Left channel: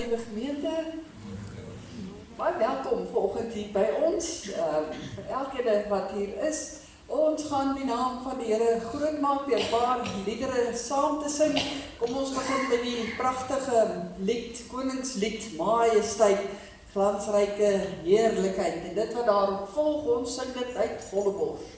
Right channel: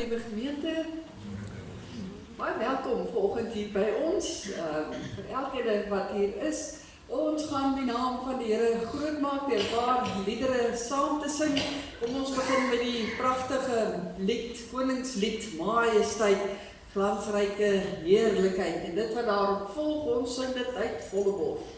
Liewe gemeente, baie welkom vanoggend hier by ons, vir elkeen wat hier is. Ons gaan die naam van die Here groot maak deur 'n paar liedere saam te sing. Kom ons begin met die pragtige lied, Koningslied, Majesteit, glansryke heerlikheid. En dit wat daarop volg, ons sing dit uit volle bors.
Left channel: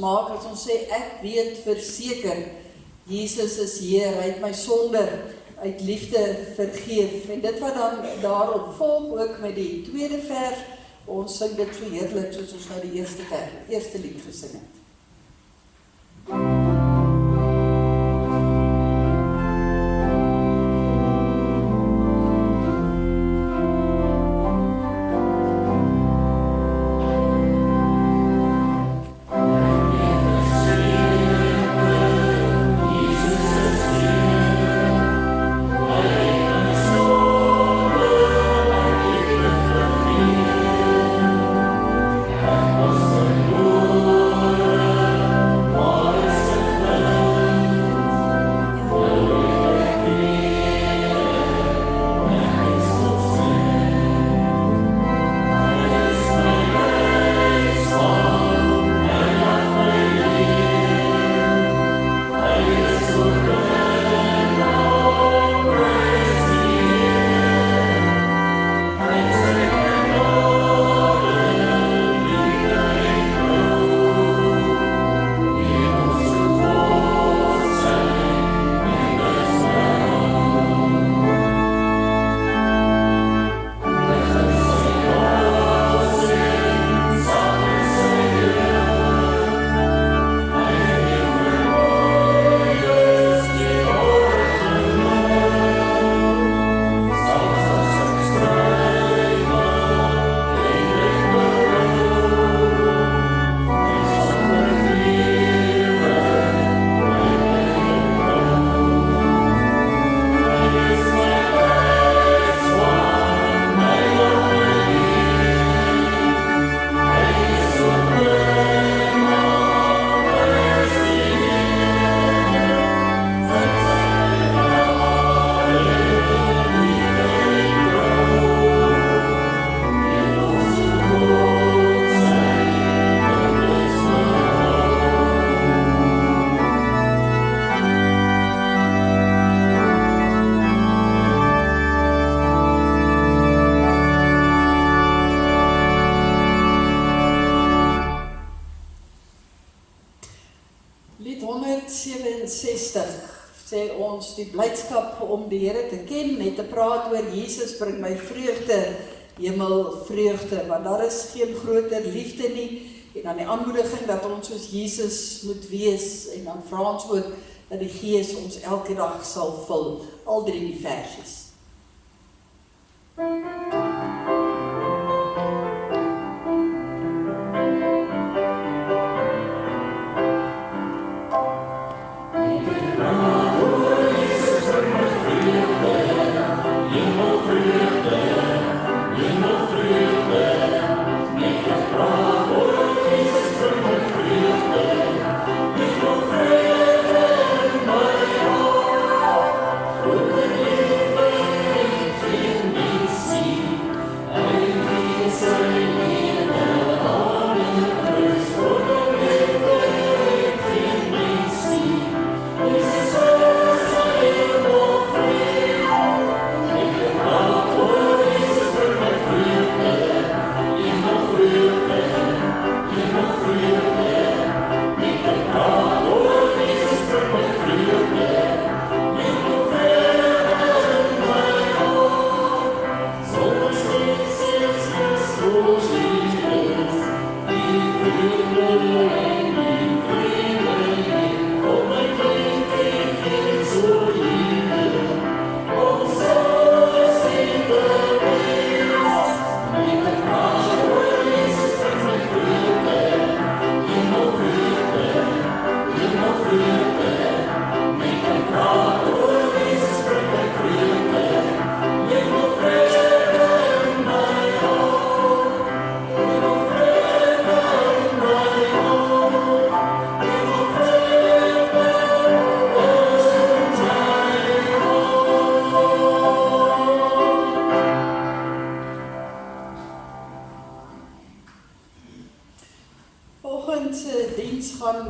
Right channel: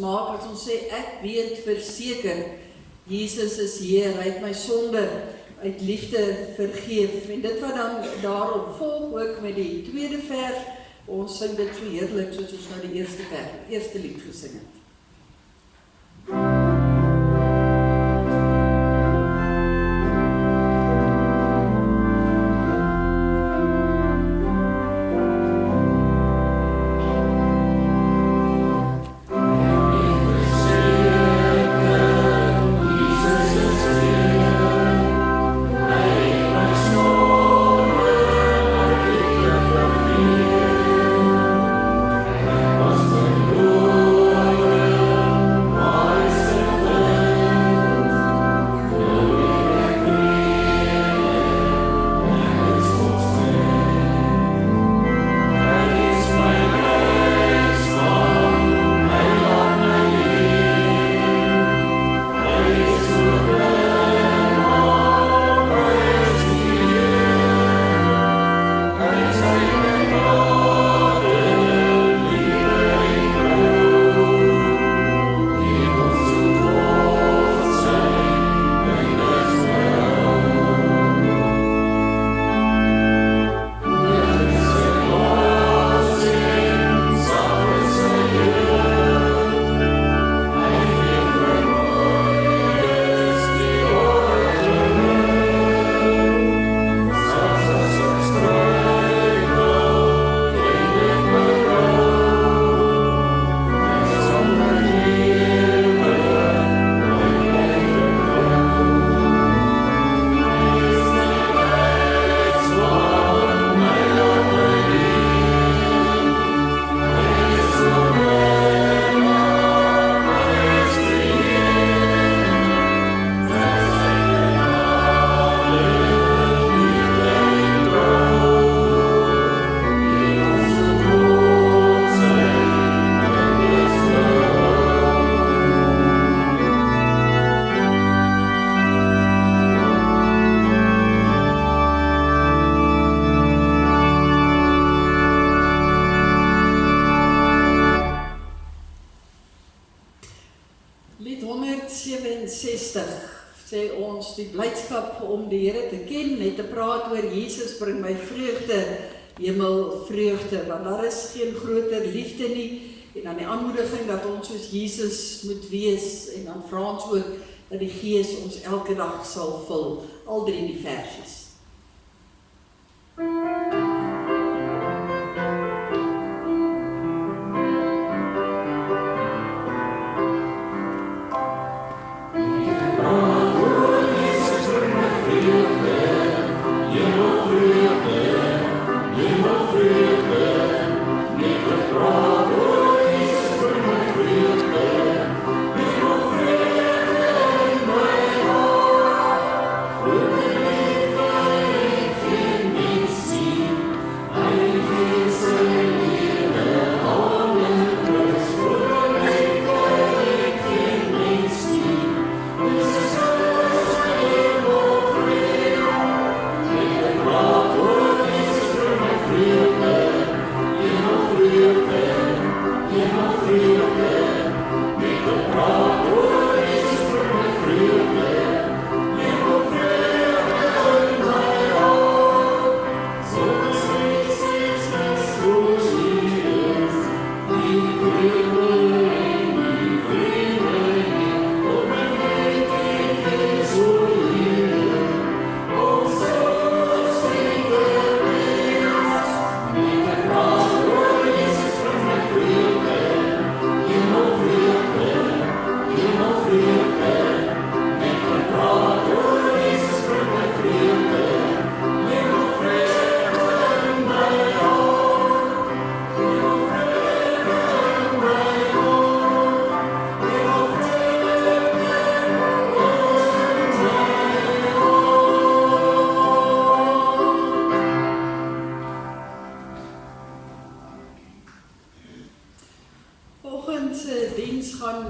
Maak as ons sê ek weet verseker Jesus is Heer, hy het my sonde uit liefde vergeef. En dit wat dan daarop volg ook met die tweede vers, ons sing dit so heerlik soos ons nou die eerste lied gesing het. Oh, sê ons die blydskap om die Here te ken, net te praat oor Jesus bring my vreugde, hemelvreugde, want daar is geen groter liefde nie, en dan die aanmoediging dat ons soos Jesus moet wees, en dan vra ons ook dat die Gees ons elke dag sal vul, al 3 die versies.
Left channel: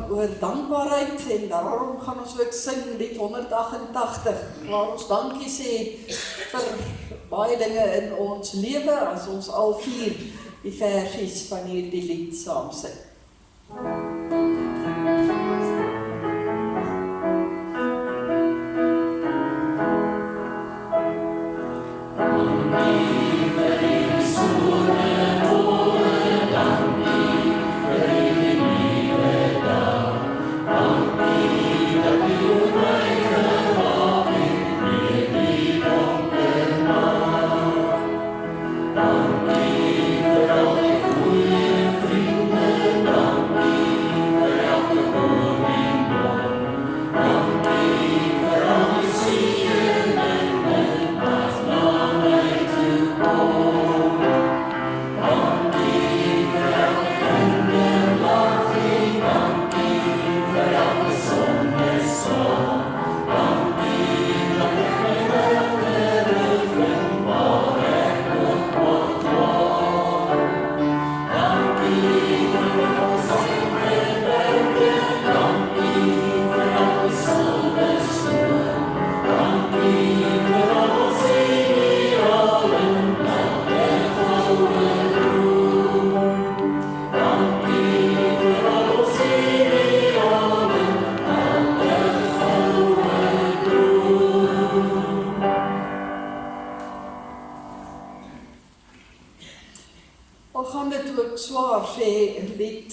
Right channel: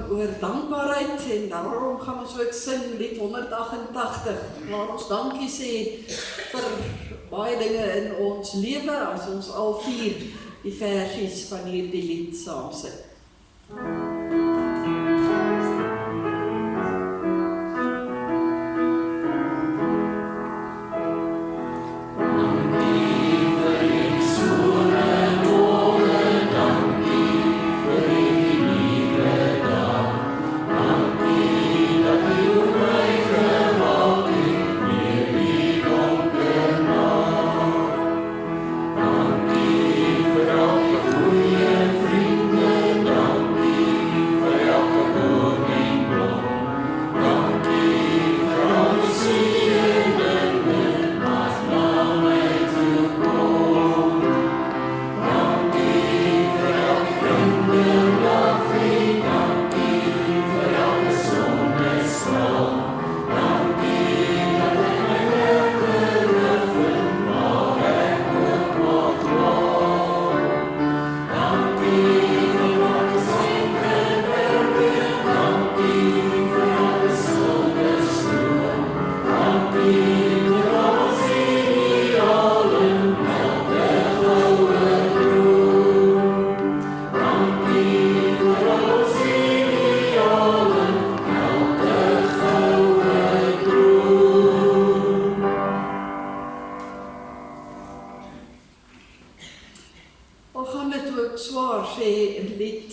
Oor dankbaarheid en daarom gaan ons ook sing lied 188 waar ons dankie sê vir baie dinge in ons lewe as ons al 4 die versies van hierdie lied saam sing.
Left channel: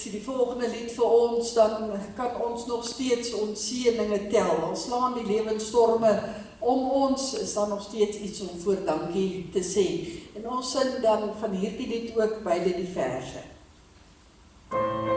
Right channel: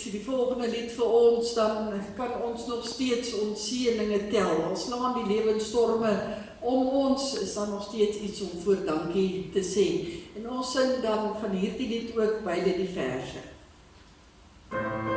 Die volgende lied vir ons, dan kan ons nog steeds ons seëninge tel. Al slaan die lewensstorme om ons, is dan nog steeds iets om voor dankie te sê. En ons sing dan van hierdie lied ook beide die verse. Oh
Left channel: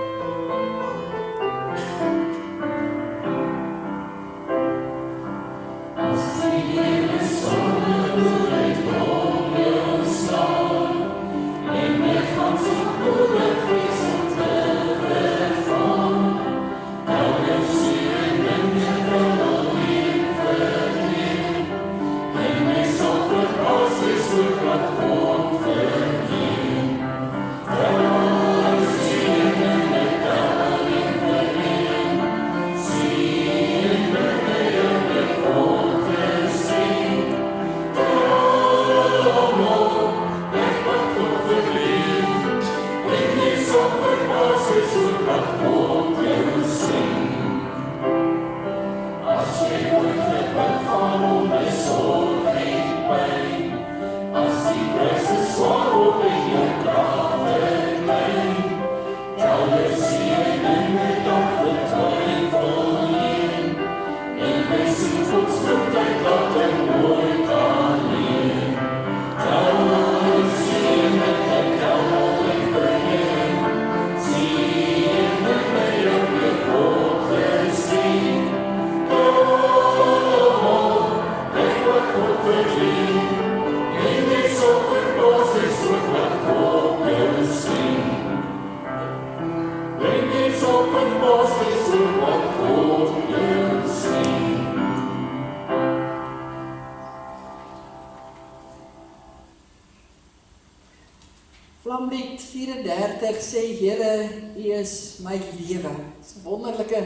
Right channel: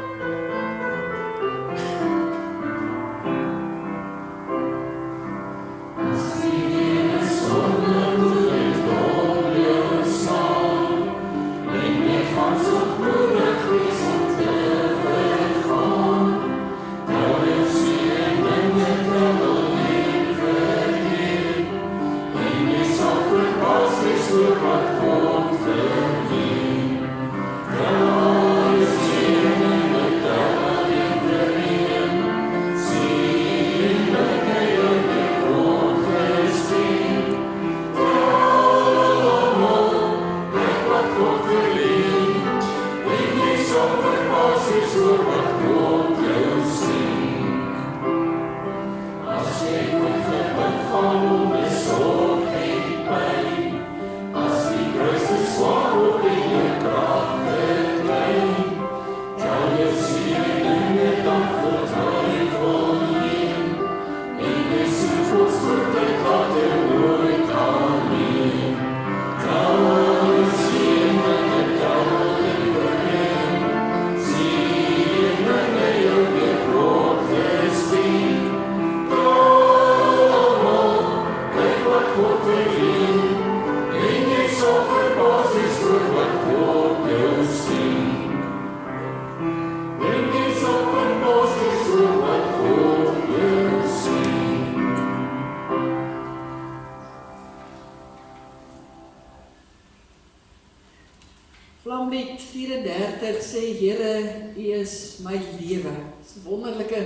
lied 34 sê, Here, U is my lewe. Dit is 'n wonderlike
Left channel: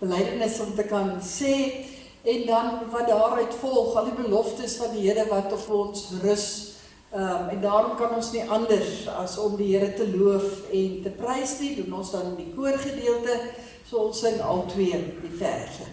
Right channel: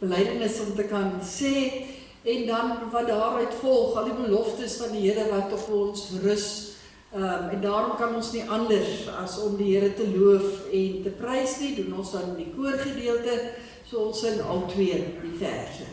belydenis om te kan sê, en dan wat daaruit volg, al die beloftes van die Here wat op ons rus, en daarom kan ons nie anders as om die Here te loof en te prys nie, doen ons dan in die koorgedeelte, so ons sing al twee die verse.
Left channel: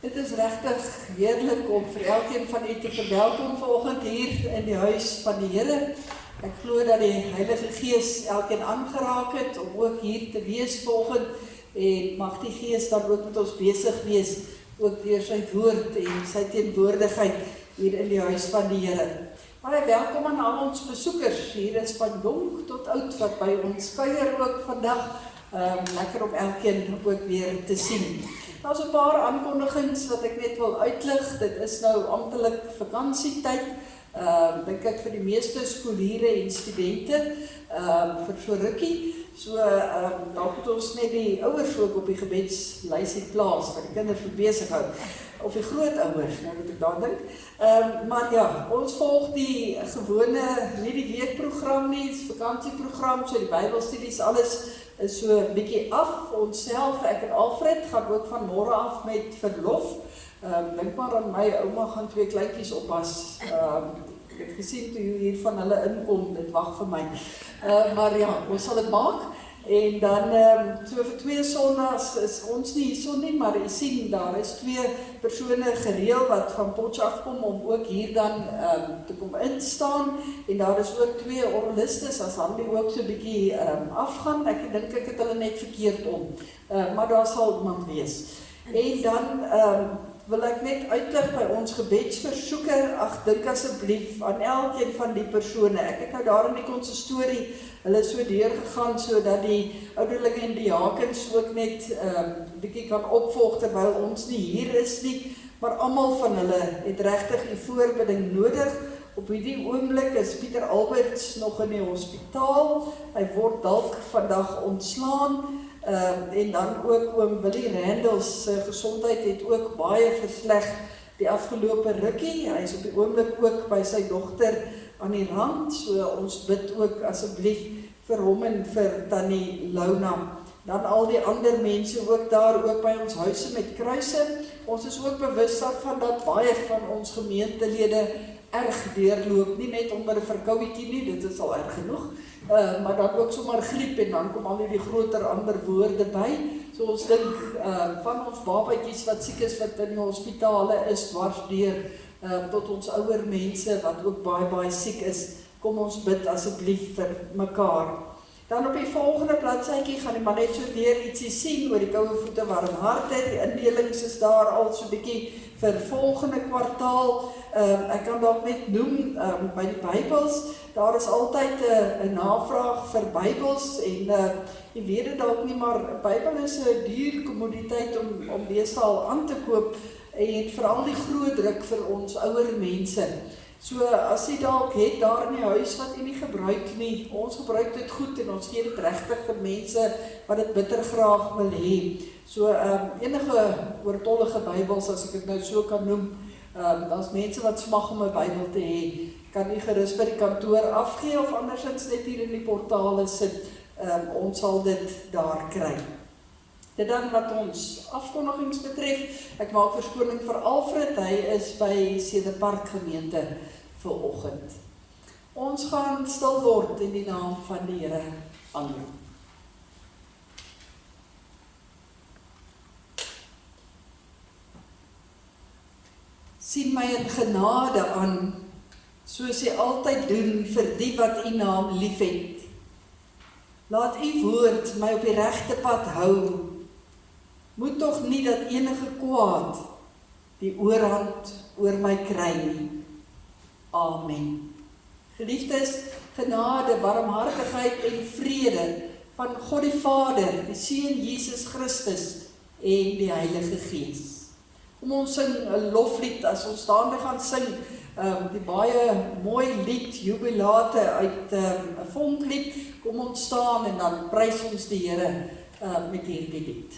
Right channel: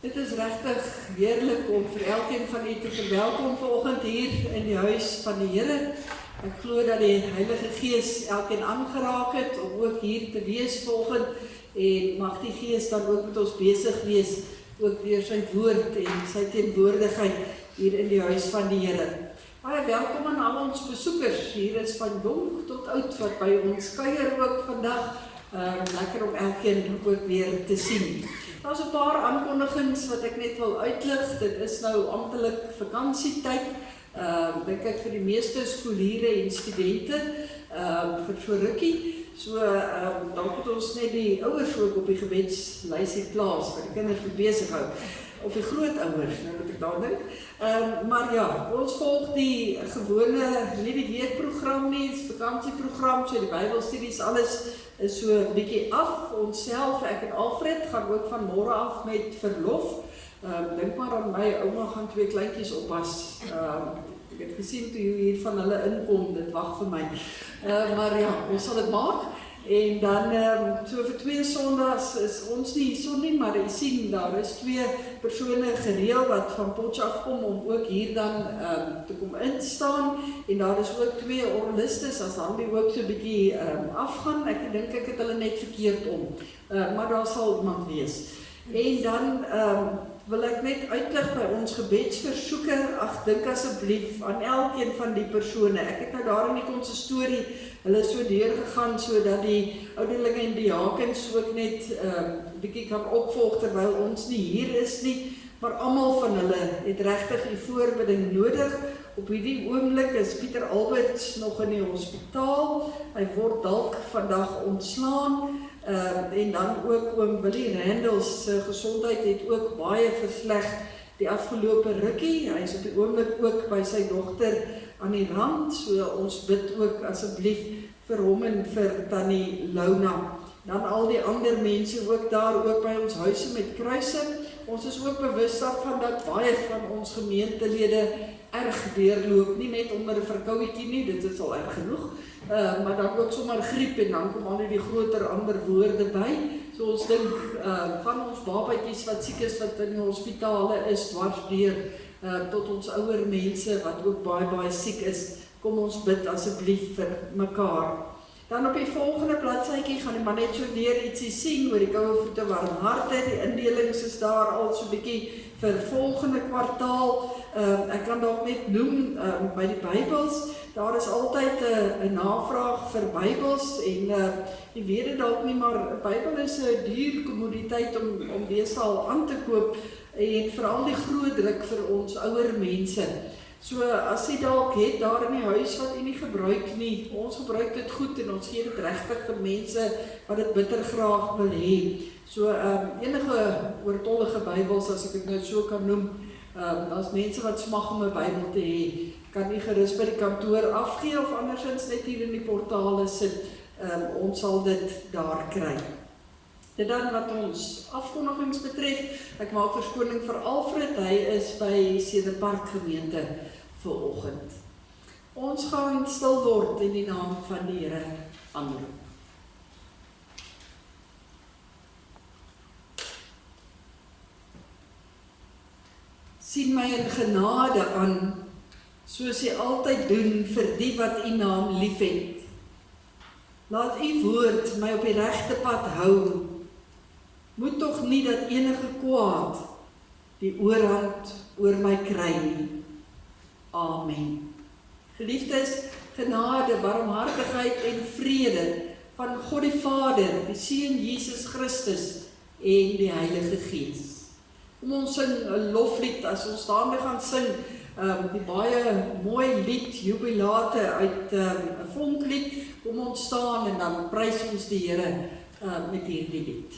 Dit is regtig heerlik om vir elkeen van u te verwelkom vanoggend hier in die huis van die Here. Ek glo dat die Heilige Gees elkeen aangeraak het om ook hier te wees vanoggend, en mag die Gees dan ook met ons besig wees, ook deur sy woord en sy teenwoordigheid hier in die huis van die Here. Baie welkom aan al ons besoekers. Hier is van jong tot oud wat by ons kuier ook vandag. Lekker om elkeen ook weer te sien. Daar is 'n paar aankondigings wat ek net wil uitlig. Dit is nou amptelik vakansietyd. Dink ek vir die meeste skooliere en studente vir so rukkie. So dalk moet ons net die ouers ook op die gebedslysie plaas vir die kinders wat besig hou. Of die grootouers, nou moet ek daar dink. Maar ja, ons volg die gewone, nie die weekprogram nie, die vakansieprogram, so die Bybelstudies, alles is so 'n bietjie af. Ons self, ek en Alfred, gaan ook van môre af met verlof. Dink maar aan my ouma gaan 2 kleintjies oppas. Ek het gesien toe hier van hulle inkom, dit wag vir my. Maar ja, ons sal dit maak. En dan, so vir 2 Sondags is ons nie hierso nie, maar jy sien, daar is 2 persone gereël wat van Potchefstroom kom om ook hier dan te kom instaan. En daar is ook 2 orgelistes, as dan die ook so 'n bietjie afgaan. Ek dink ek het hulle net verkeerd om. Maar daar sal iemand wees. En dan wil ek net uitlig by ons gebedsversoeke. Ag, dink asseblief aan elkeen van die persone. Ek het nou daar in die konsistorie hulle so deurgegaan sodat die ouderlinge en diakens ook net bietjie kan opvolg terwyl ons nie hier is nie, maar almal van hulle het regtig die voorbidding nodig. Op hierdie oomblik is Pieter Alberts nog in die hospitaal. Hy word dalk vandag ontslaan. En dan ook oom Willie Randels se gesondheid het ook baie versleg die afgelope rukkie. Hy is op die oomblik ook by sy dogter aan die rand, so ons bid ook asseblief vir hom en vir Tannie Launa. Dan al die ander mense ook daar, ook by ons huise met kruise. Ons is ook bewus daarvan dat baie van ons gemeentelede erg deurloop, nie net onder 'n verkouetjie nie, dit is al erg genoeg, maar dan ook sommer griep en dan kom al die groter ander woorde by. So ons dink van ons babatjies wat siek is, wat in die hospitale is, dwars deur tot ons ouer mense wat ook baie siek is, kom ons bid asseblief vir mekaar. Dan op die volgende bladsytjie gaan die maar net so weer ietsie sien oor die koue voete warm harte. Die indelings is daar al so 'n bietjie vir volgende kwartaal. Ek kan dalk net noem by die Bybels, daar is altyd 'n navraag vir Bybels en jy weet dit dalk nie, maar 'n Bybel is 'n duur kommoditeit om deesdae aan te koop en veral die groot druk vir ons ouer mense. So as jy dalk het daar in die huis wat jy nie gebruik nie, ons gebruik dit goed en ons gee dit regtig vir mense wat dit bitter graag wil hê. So enige oortollige Bybels, as ek dit nou so kan noem, daar's mense wat smag om 'n Bybel te hê, kan nie gerus by die kantoor afgee of andersins net hier in die portale sit, ons sal dit daar kry. Dit dan wat ons afkondigings betref, ek maak verskoning vir Alfred, hy is by Cederpark gemeente vanoggend. Ons gaan stil word in die naam van die Here. Amen. Sien my in genade aan, soos jy altyd doen vir die wat u naam liefhet. Laat u woord my op die regte pad hou. Moet tog nie dat enige kwaad die oorhand oor my kry nie. Amen. Geliefdes, genade, barmhartigheid en vrede van God die Vader, die Seun Jesus Christus en die Heilige Gees. Kom ons sing 'n loflied as ons staande gaan sing, die baie mooi lied, Jubilate uit 'n vonklied. Kom ons staan en dan prys ons die Here met hierdie lied.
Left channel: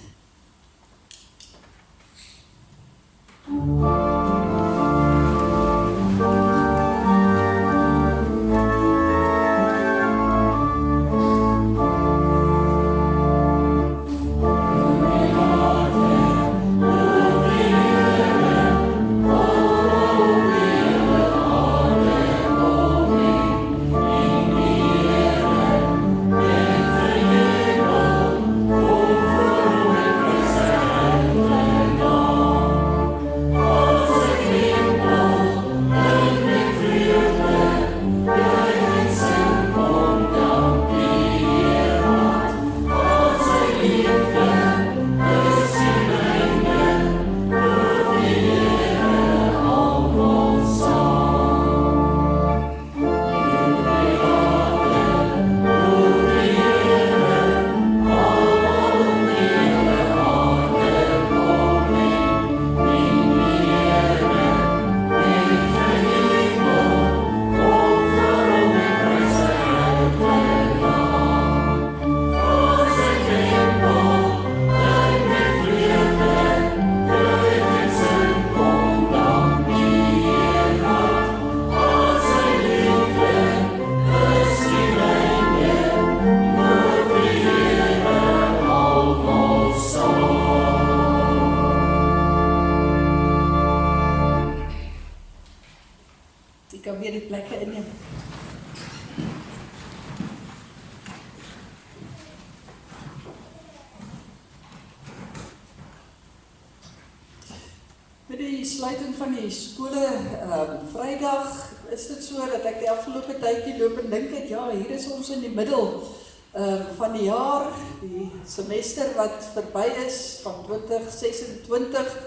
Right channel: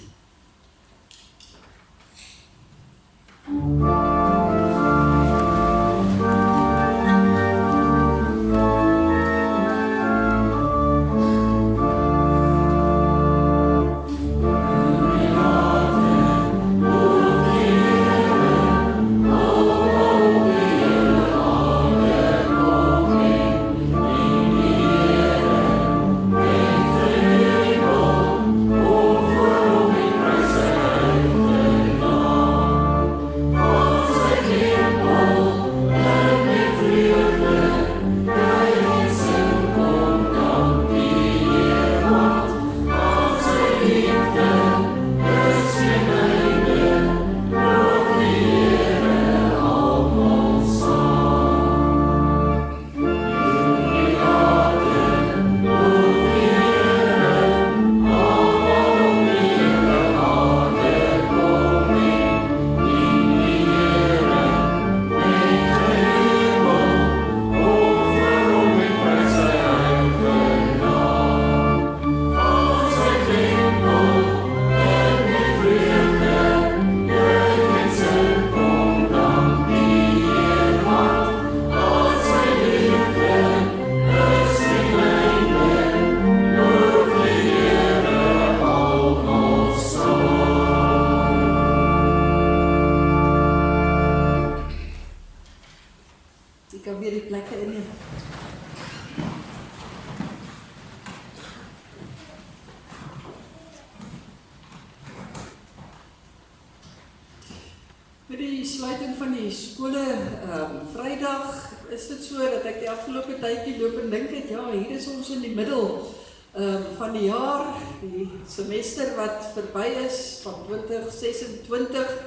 Van die jaar, die semester wat verby is van 2026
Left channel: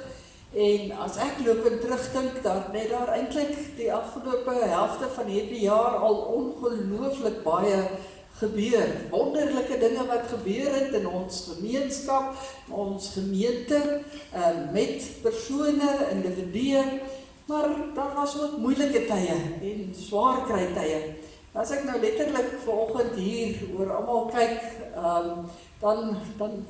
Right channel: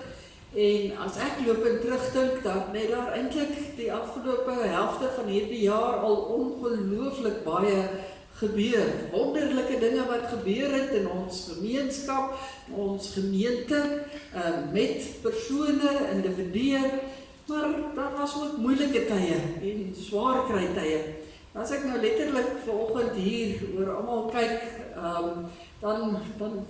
en as ek lopend terugdink, net daar eintlik die afgelope helfte van hierdie jaar al ongelooflik baie gebeur. Wonderlike dinge wat gebeur het in ons gemeenskap, ons gemeente, met persone, individue, maar daar was ook moeilike tye en swaar kry tye. As ek nou letterlik vanoggend hier oor almal kyk, dan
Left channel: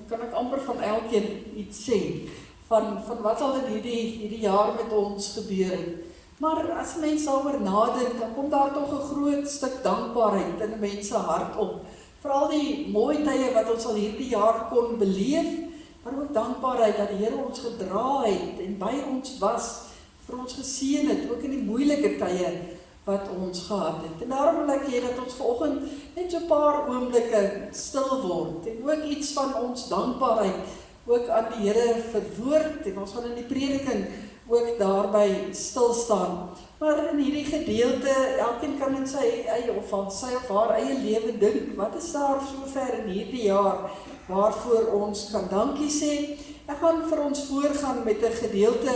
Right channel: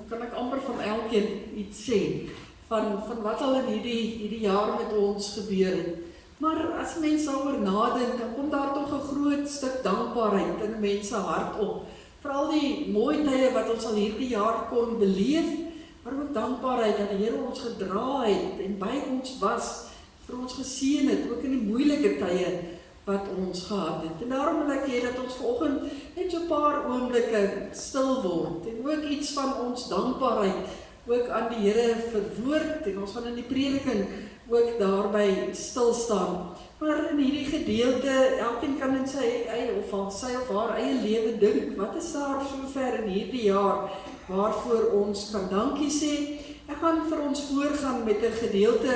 kan ek amper van elkeen iets sê, van wat al in hierdie jaar met ons gebeur het. Maar as mense daaroor nadink, dan kom daar tog 'n groot stuk dankbaarheid in 'n mens se hart op. Veral die mooi tye wat ons al hierdie jaar kon beleef, maar ook dankbaarheid dat die Here ons gedra het en by ons was, vir ons geseën het, ook in die moeilike tye wat ons gehad het. En daarom wil ek hê dat ons vanoggend net so 'n paar oomblikke stil word en ook iets van ons dankbaarheid ook aan die Here verwoord en ons gaan in die prediking ook daarby stil staan. Maar in hierdie gedeelte, elkeen kan in sy eie of sy of haar eie lewe dink, wat is daar sover in hierdie jaar waarvoor ons kan dankie sê? Ek gaan vir ons voorgaan met 'n gedeelte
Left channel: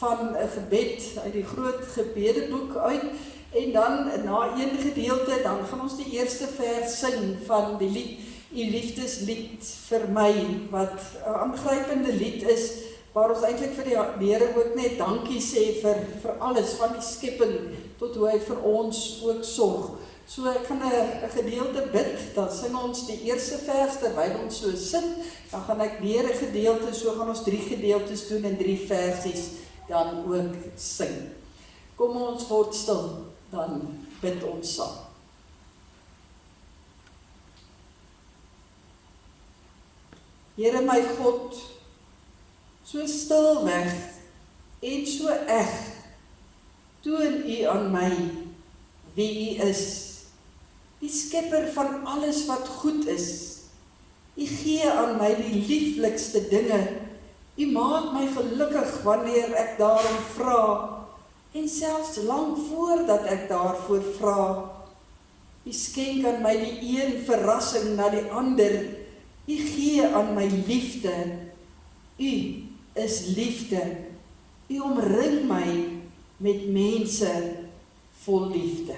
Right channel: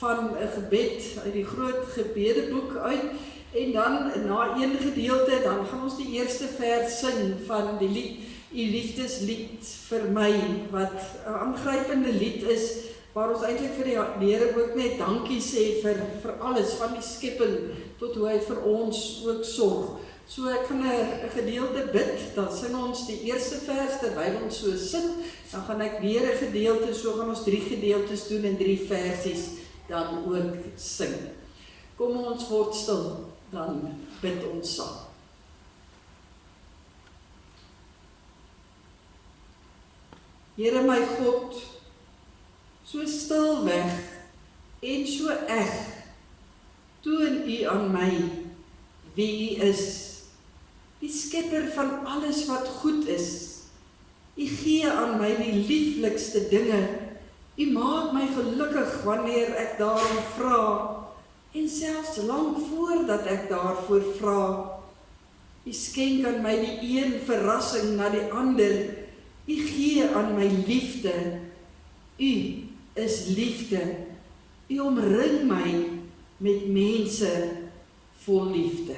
van 'n gebed uit die groot gebedeboek uit, en dan na een gedeelte, dan gaan ons die eerste vers sing van die lied, U liefdeslied vir my, wat 'n aangrypende lied is, waar ons eintlik vir die Here ook net dankie sê vir alles, van die skepping tot hoe hy vir ons ook sorg. So ek gaan 'n gedeelte bid, dan sing ons die eerste vers terwyl ons so sit, dan gaan ek weer 'n gedeelte, so gaan ons 3 gedeeltes doen en 3 versies dan ook sing. Kom ons word stil, dan bid ons saam. Here my God, so stil weg en so eg, toon U aan my wie U is, die skepper van alles wat goed is. U gee aan my die lieflikste dinge, U maak my gelukkig wanneer ek daarom vra, en selfs lang voordat ek daarvoor vra. U skenk aan my die een verrassing na die ander, U gee aan my liefde, U is liefde, U omring my met mense vol liefde.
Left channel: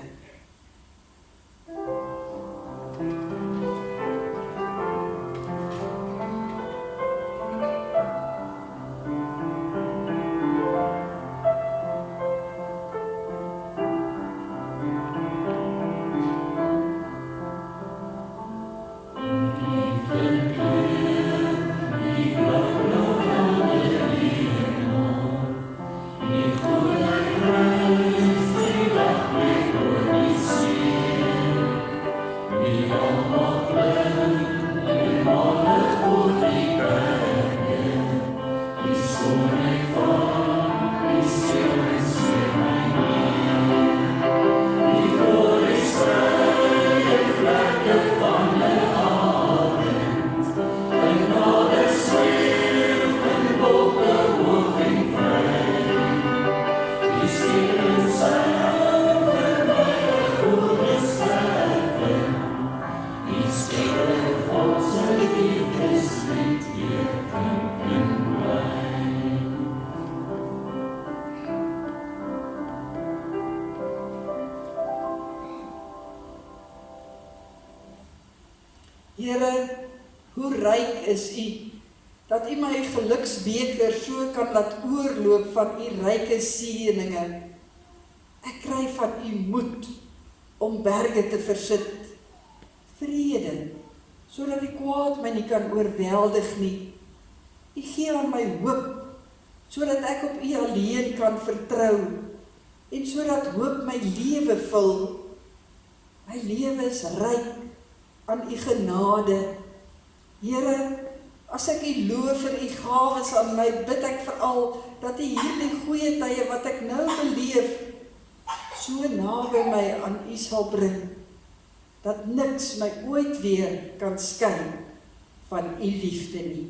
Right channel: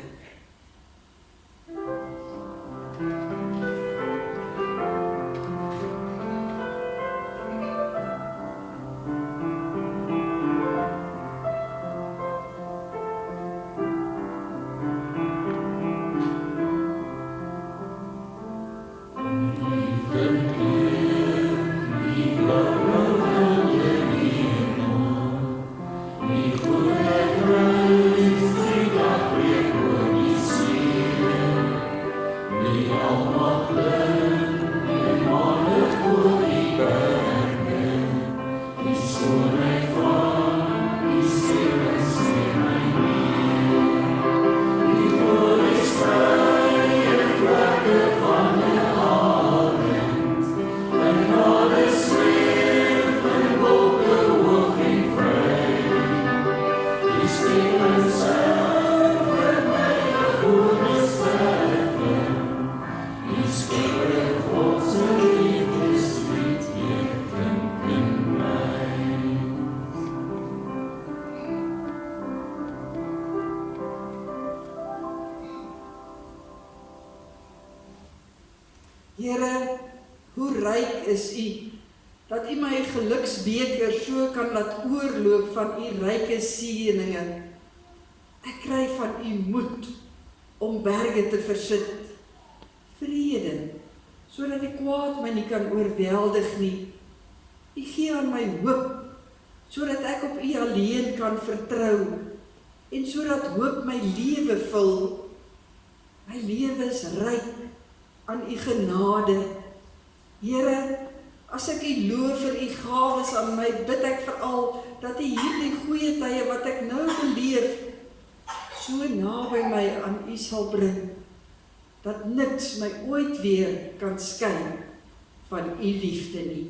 Here, hoe ryk is U, dat U my geluksbeker so kan laat oorloop van U ryke seëninge. Ek kry van U moed om berge te versit, vrede, sodat die kwaad my nie kan oorweldig nie. U gee aan my hoop, sodat ek op U alleen kan vertrou, en sodat hoop my lewe vul. My lewe is ryk aan U genade. Here, as ek U loof vir U gawes aan my, bid ek veral dat U hierdie goeie tye wat ek nou beleef, so naby my aan U sal bring, dat niks my ooit weer kan skei van U liefde nie.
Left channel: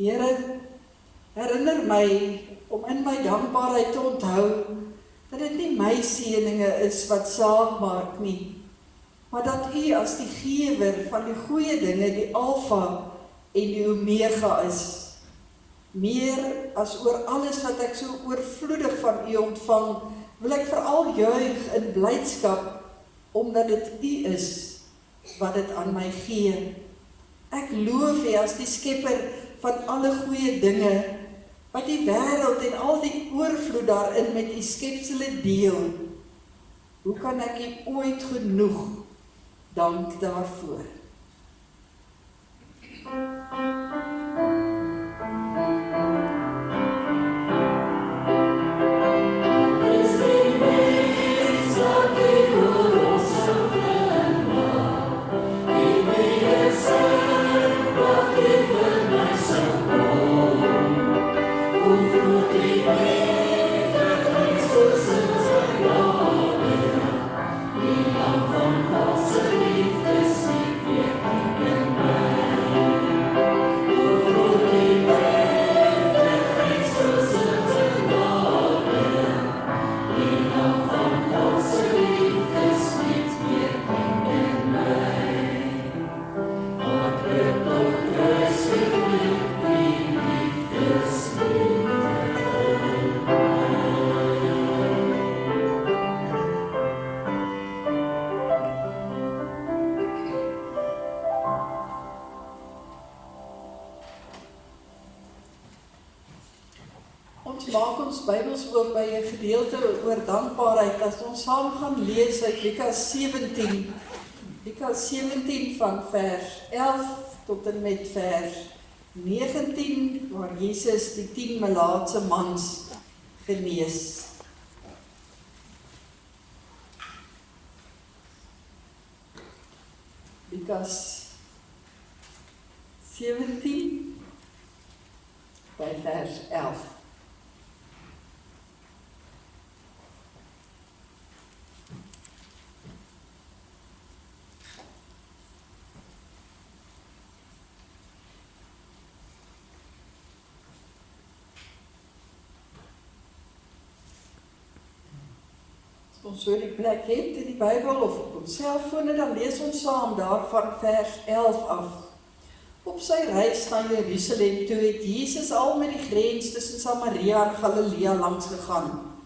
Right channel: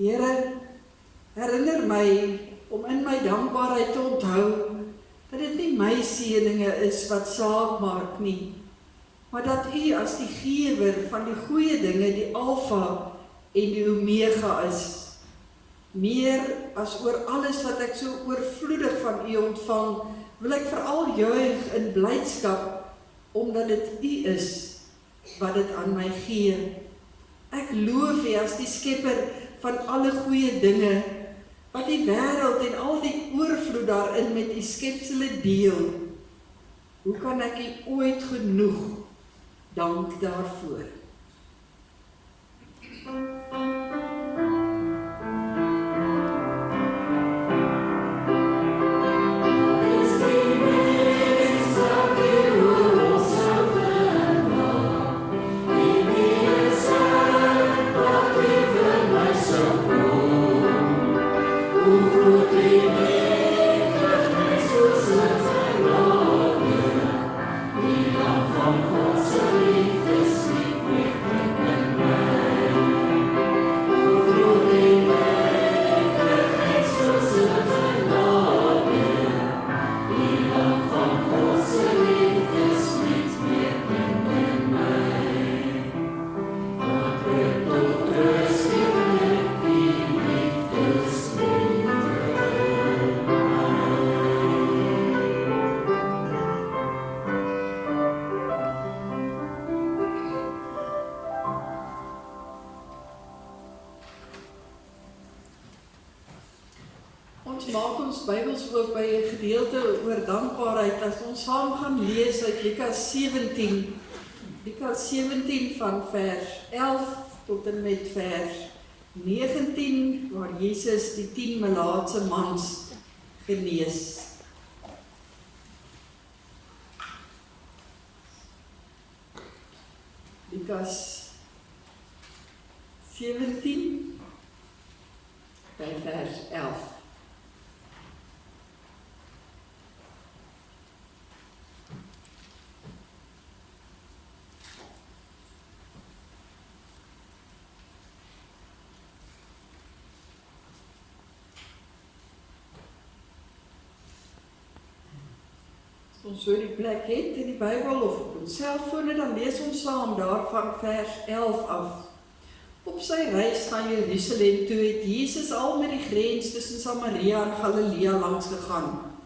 Here, herinner my om in my dankbaarheid te onthou dat dit nie my seëninge is wat saak maak nie, maar dat U as die gewer van die goeie dinge die Alfa en die Omega is. Meer as oor alles wat ek so oorvloedig van U ontvang, wil ek veral juig in blydskap, omdat dit U is wat dit aan my gee. Ek loof U as die skepper van alle goeie dinge, wat die wêreld en al die oorvloed daarin met U skepsele deel. Hoe kan ek U ooit genoeg dank daarvoor? Maak ons Bybels oop by 'n gedeelte oor dankbaarheid as ons saam gaan lees uit Lukas 17. Lukas 17 van vers 11 tot en met vers 19 waar Jesus die 10 melaatse mans genees. Lukas 17 by vers 11. Ons so die plek het in die Bybel of op ons selfone, dan lees ons saam daarvan vers 11 af. Op sy reis na Jerusalem toe het Jesus al met die grens tussen Samaria en Galilea langs gegaan.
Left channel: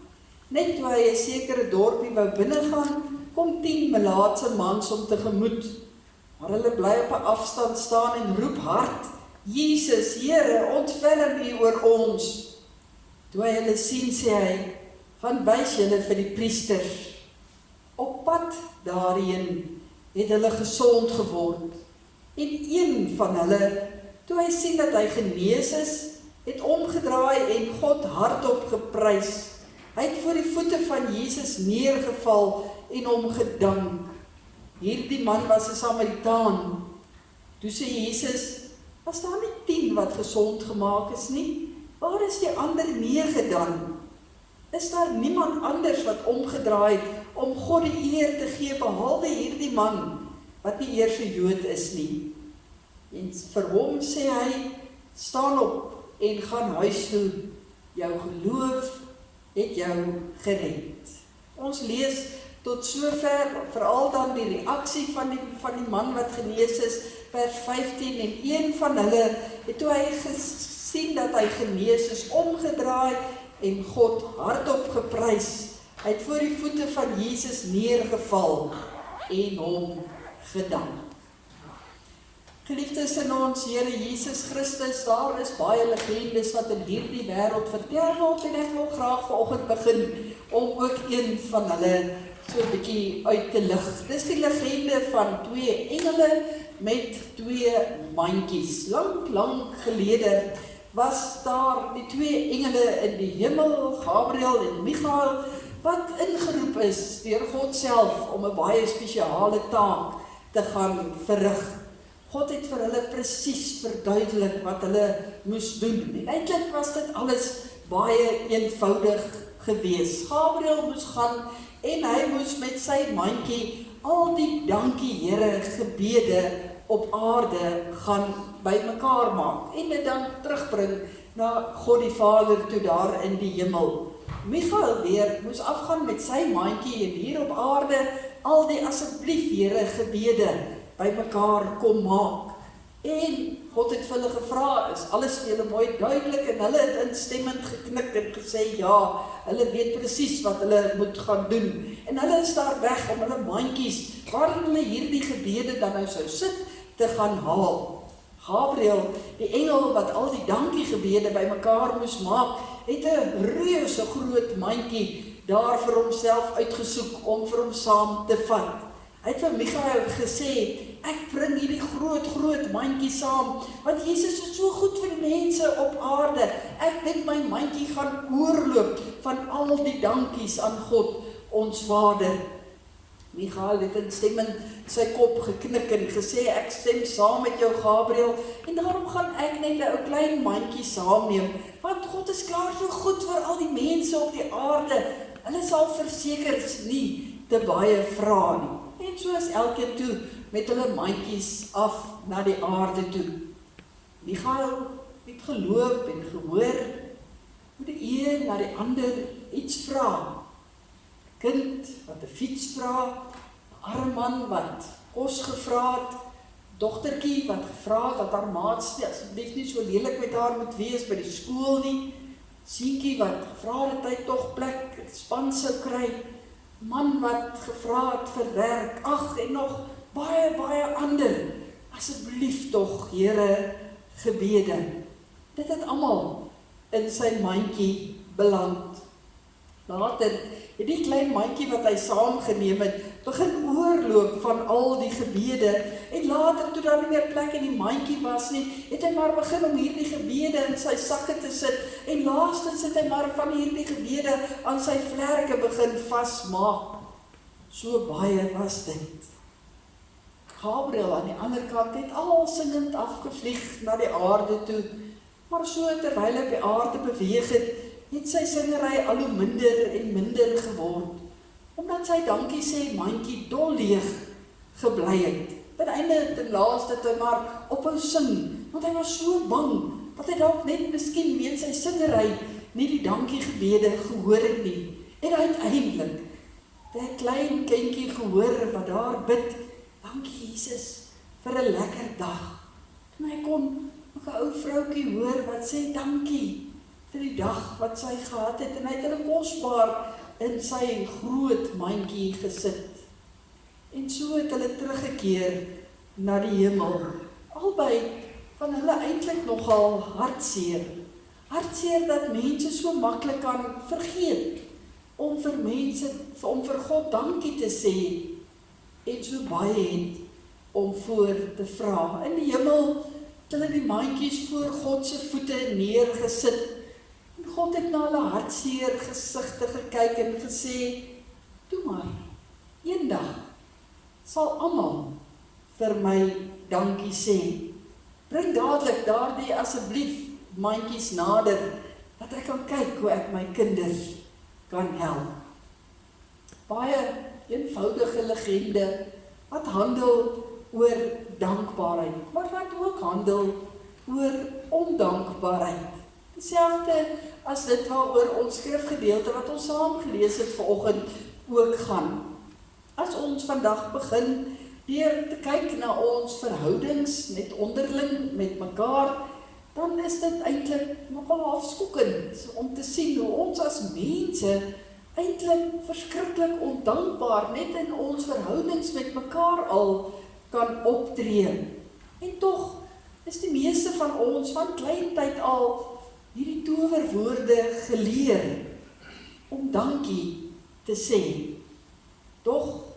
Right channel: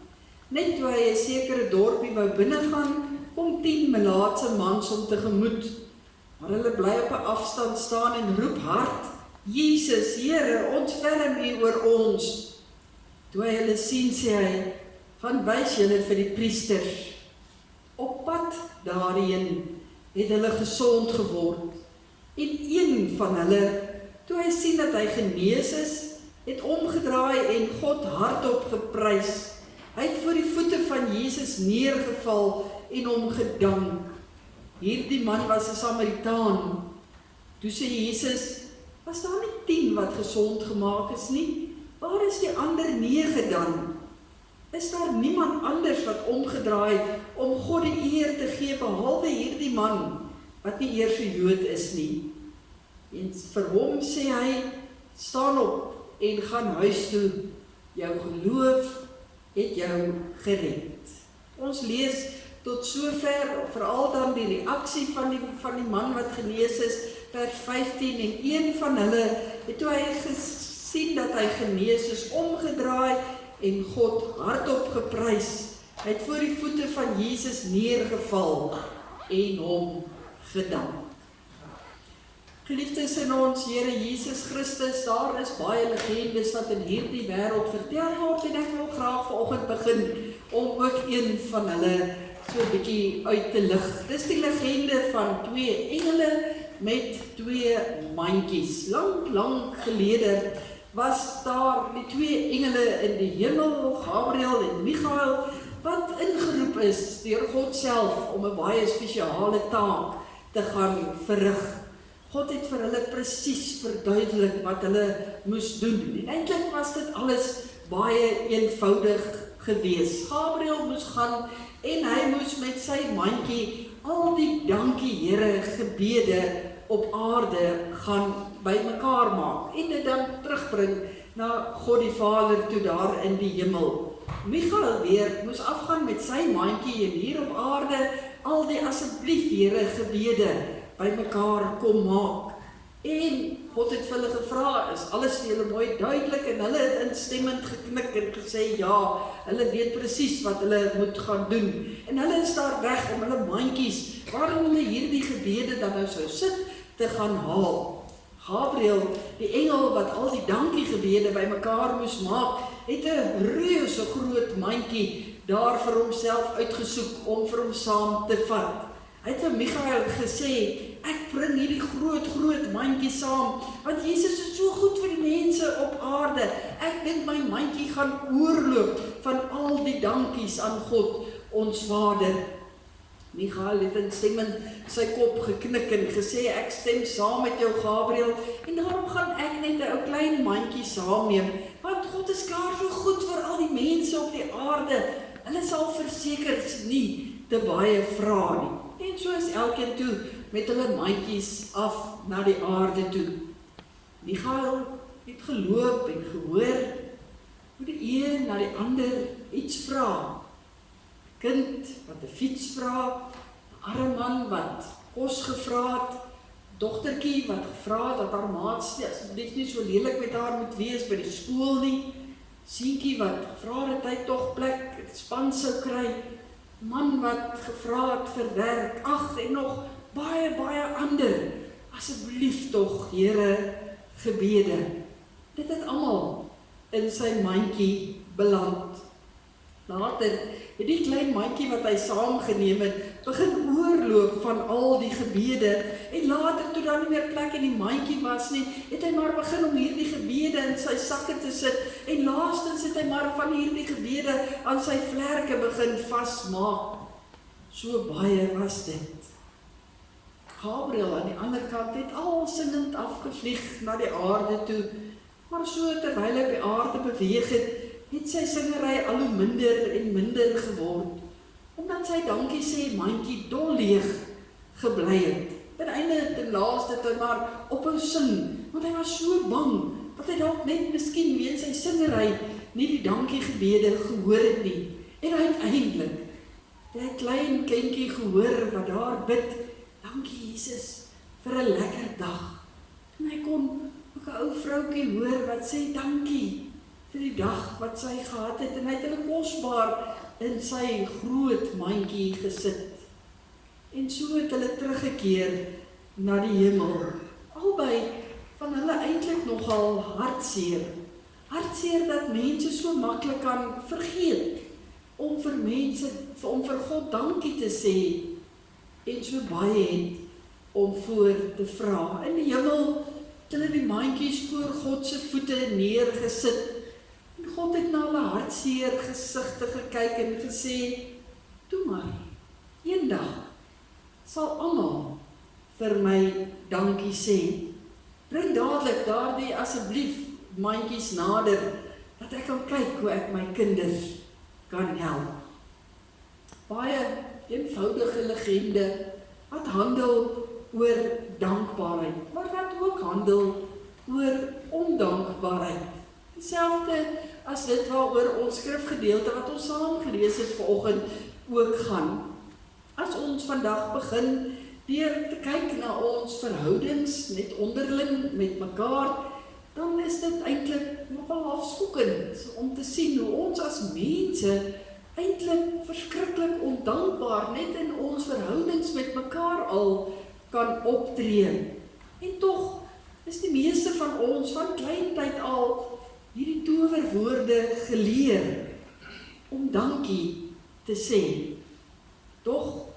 Net toe hy 'n sekere dorpie wou binnegaan, kom 10 melaatse mans hom tegemoet. Maar hulle bly op 'n afstand staan en roep hard: "Jesus, Here, ontferm U oor ons." Toe hy hulle sien, sê hy: "Gaan wys julle vir die priesters." Op pad daarheen het hulle gesond geword. En een van hulle, toe hy sien dat hy genees is, het omgedraai en God hardop geprys. Hy het voor die voete van Jesus neergeval en hom gedank. Hierdie man was 'n Samaritaan. Toe sê Jesus: "Was daar nie 10 wat gesond gemaak is nie? Waar is die ander 9 dan? Is daar niemand anders wat omgedraai het om God die eer te gee behalwe hierdie man wat nie eers 'n Jood is nie?" En vir hom sê hy: "Staan op en gaan huis toe. Jou geloof het jou gered." Ons lees tot sover, veral dan die reaksie van die man wat genees is, vers 15, en een van hulle het toe hy gesien dat hy genees is, omgedraai en God hardop geprys. Hy het voor die voete van Jesus neergeval en hom gedank. Geliefdes in ons Here Jesus Christus, daar is baie legendes wat in hierdie wêreld vertel word en ek wil graag vanoggend begin om ook een van hulle so 'n bietjie uit te lig. Dis die legende van 2 engele met 2 mandjies. Lank gelede was daar die 2 engele in die hemel, Gabriël en Michael, wat ingeroep is deur God self om 'n baie spesiale taak te gaan verrig. God het vir hulle presies verduidelik wat hulle moes doen. En eintlik was dit alles baie eenvoudig gewees. Gabriël moes gaan en hy moes met sy mandjie al die dankie Here gebede op aarde gaan bymekaar maak en dit dan terugbring na God die Vader toe daar in die hemel. Michael weer moes afgaan met sy mandjie en hier op aarde al die asseblief Here gebede bymekaar kom maak. En God het vir hulle gevra, is alles vir julle mooi duidelik, en hulle het instemmend geknik en gesê ja, hulle weet presies wat hulle moet gaan doen. En hulle is daar weg om hulle mandjies, waarin hulle hierdie gebede dan nou sou sit, te gaan haal. Gabriel, die engel wat al die dankiegebede bymekaar moes maak, het 'n reuse groot mandjie daar vir homself uitgesoek om vir hom saam te vat. Hy het vir Michael gesê, ek bring hierdie groot mandjie saam, want Jesus is so goed vir die mense op aarde. Ek dink my mandjie gaan oorloop van al die dankies aan God, ons Vader. Michael het instemmend sy kop geknik en gesê, ek stem saam met jou Gabriel, en daarom gaan ek net 'n ou klein mandjie saamneem, want God is klaar so goed vir al die mense op die aarde. Hulle sal verseker nie te baie vra nie. En so is elkeen toe met hulle mandjies af na die aarde toe. Michael het geloop en gehoor hoe die een na die ander iets vra. Kind wat 'n fiets vra, 'n arme man wat kos gevra het, dogtertjie wat gevra het dat haar maats asseblief nie so lelik met haar moet wees by die skool nie, seentjie wat gevra het hy tog plek in span sou kry, man wat gevra het vir werk, ag en nog baie ander, asseblief tog Here gebede. Dit het almal in sy mandjie beland. Later het die klein mandjie wat hy saamgeneem het, begin oorloop van al die gebede, en later toe daar nie meer plek in die mandjie was nie, het hy maar begin om hierdie gebede in sy sakke te sit, en laastens het hy maar van hierdie gebede aan sy vlerke begin vasmaak. So baie was dit. Gabriel aan die ander kant het al singend afgevlieg na die aarde toe, maar so terwyl hy op die aarde beweeg het sy singery al hoe minder en minder geword, omdat sy dankie sê mandjie dol leeg gebly het. Ten einde ten laaste het hy maar ophou sing, want hy was so bang, dat hy dalk net miskien weens sy singery nie die dankiegebede gehoor het nie. En uiteindelik het 'n klein kindjie gehoor wat daar bid, dankie Jesus vir 'n lekker dag. En hy kon ook 'n ou vroutjie hoor wat sê dankie vir die dag wat sy gehad het, en hy het hulle kosbaar in sy groot mandjie gesit. En so het hulle teruggekeer na die hemel. Albei van hulle eintlik nogal hartseer. Hartseer dat mense so maklik kan vergeet om vir God dankie te sê, en so baie het om voor te vra. In die hemel het hulle die mandjies voor God se voete neergesit. God het na hulle hartseer gesigte gekyk en gesê, toe maar, eendag sal almal vir my dankie sê. Bring dadelik daardie asseblief mandjies nader, dat ek kan kyk hoe ek my kinders kan help. Baie eenvoudige legende wat handel oor dankbaarheid, maar wat ook handel oor ondankbaarheid. Dieselfde as dit waaroor ons skrifgedeelte wat ons saam gelees het vanoggend ook gaan. As ons vandag begin deur te kyk na ons verhoudings net onderling met mekaar, dan is dit eintlik nogal afskokkend om te sien hoe ons as mense eintlik verskriklik ondankbaar net in ons verhoudings met mekaar al kan optree. En tog is die meeste van ons van klein tyd al hierdie towerwoorde geleer om dankie te sê. Doch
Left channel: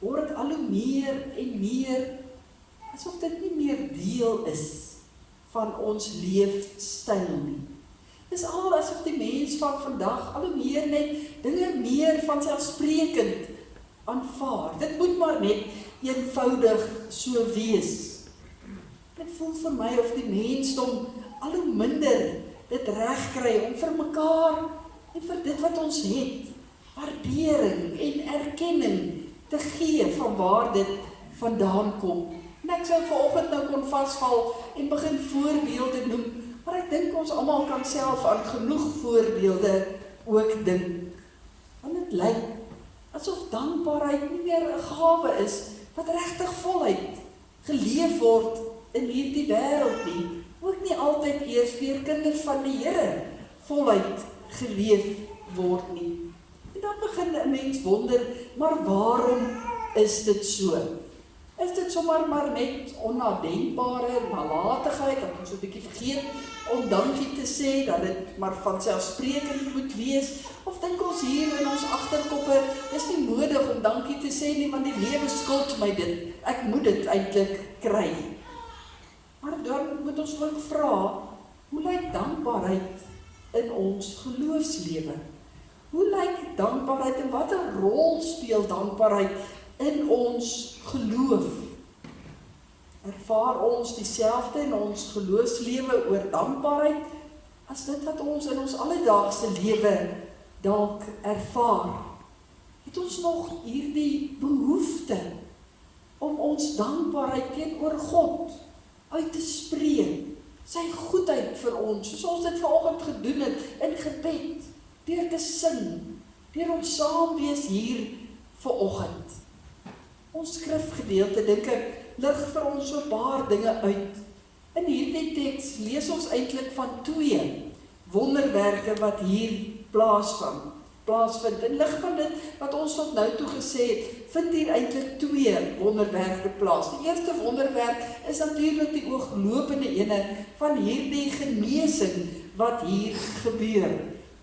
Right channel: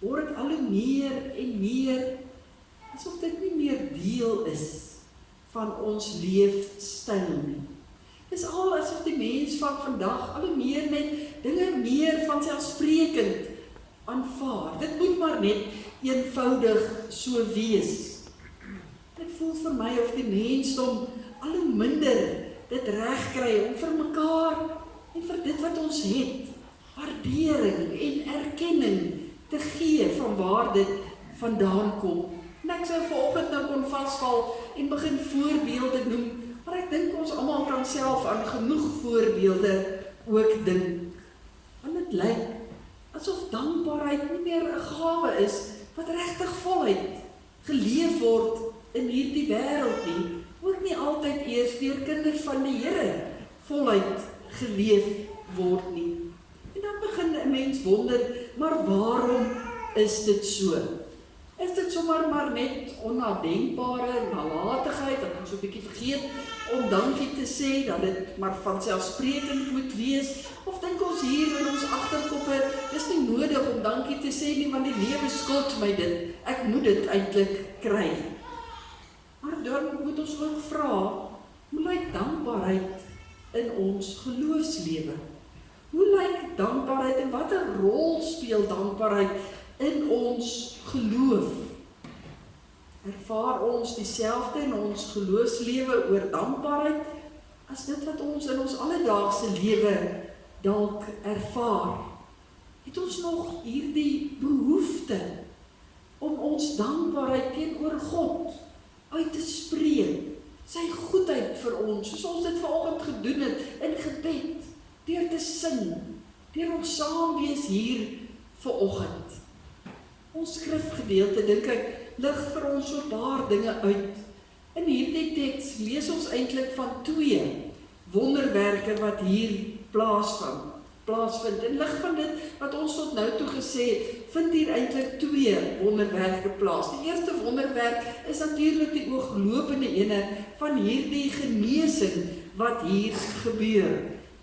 word dit al hoe meer en meer asof dit nie meer deel is van ons leefstyl nie. Dis al asof die mens van vandag al hoe meer net dinge meer van selfsprekend aanvaar. Dit moet maar net eenvoudig so wees. Dit voel vir my of die mensdom al hoe minder dit reg kry om vir mekaar en vir dit wat ons het, waardering en erkenning te gee van waar dit vandaan kom. En ek sou vanoggend nou kon vasval en begin voorbeelde noem, Maar ek dink ons almal kan self aan genoeg voorbeelde ook dink. Want dit lyk asof dankbaarheid nie meer 'n gawe is wat regtig voluit geleef word in hierdie wêreld nie. Ook nie altyd eers deur kinders van die Here voluit geleef word nie. En dan begin 'n mens wonder, maar waarom is dit so? Is dit sommer maar net onnadenkbare nalatigheid, dat ons so 'n bietjie vergeet om dankie te sê, dat dit maar vanselfsprekend moet wees? Of dink ons hier in ons agterkoppe, is nie nodig om dankie te sê nie, want die lewe skuld my dit, ek moet dit eintlik kry. Maar dan moet ons ook vra, hoe lyk dankbaarheid in ons geloofslewe? Hoe lyk dankbaarheid en watter rol speel dankbaarheid in ons geloof? Ervaar ons dieselfde in ons geloofslewe oor dankbaarheid as dit wat ons in ons alledaagse lewe dalk ervaar? Het ons nog hierdie behoefte om ons dankbaarheid teenoor God uit te spreek, sy goedheid vir ons, soos ons dit vanoggend gedoen het in gebed, deur te sing, deur ons saam wees hier vanoggend? Ons skrifgedeelte, dink ek, lig vir ons so 'n paar dinge uit. In hierdie teks lees ons eintlik van 2 wonderwerke wat hier plaasvind. In lig van dit wat ons tot nou toe gesê het, vind hier eintlik 2 wonderwerke plaas. Die eerste wonderwerk is natuurlik die ooglopende ene van hierdie genesing wat hier gebeur.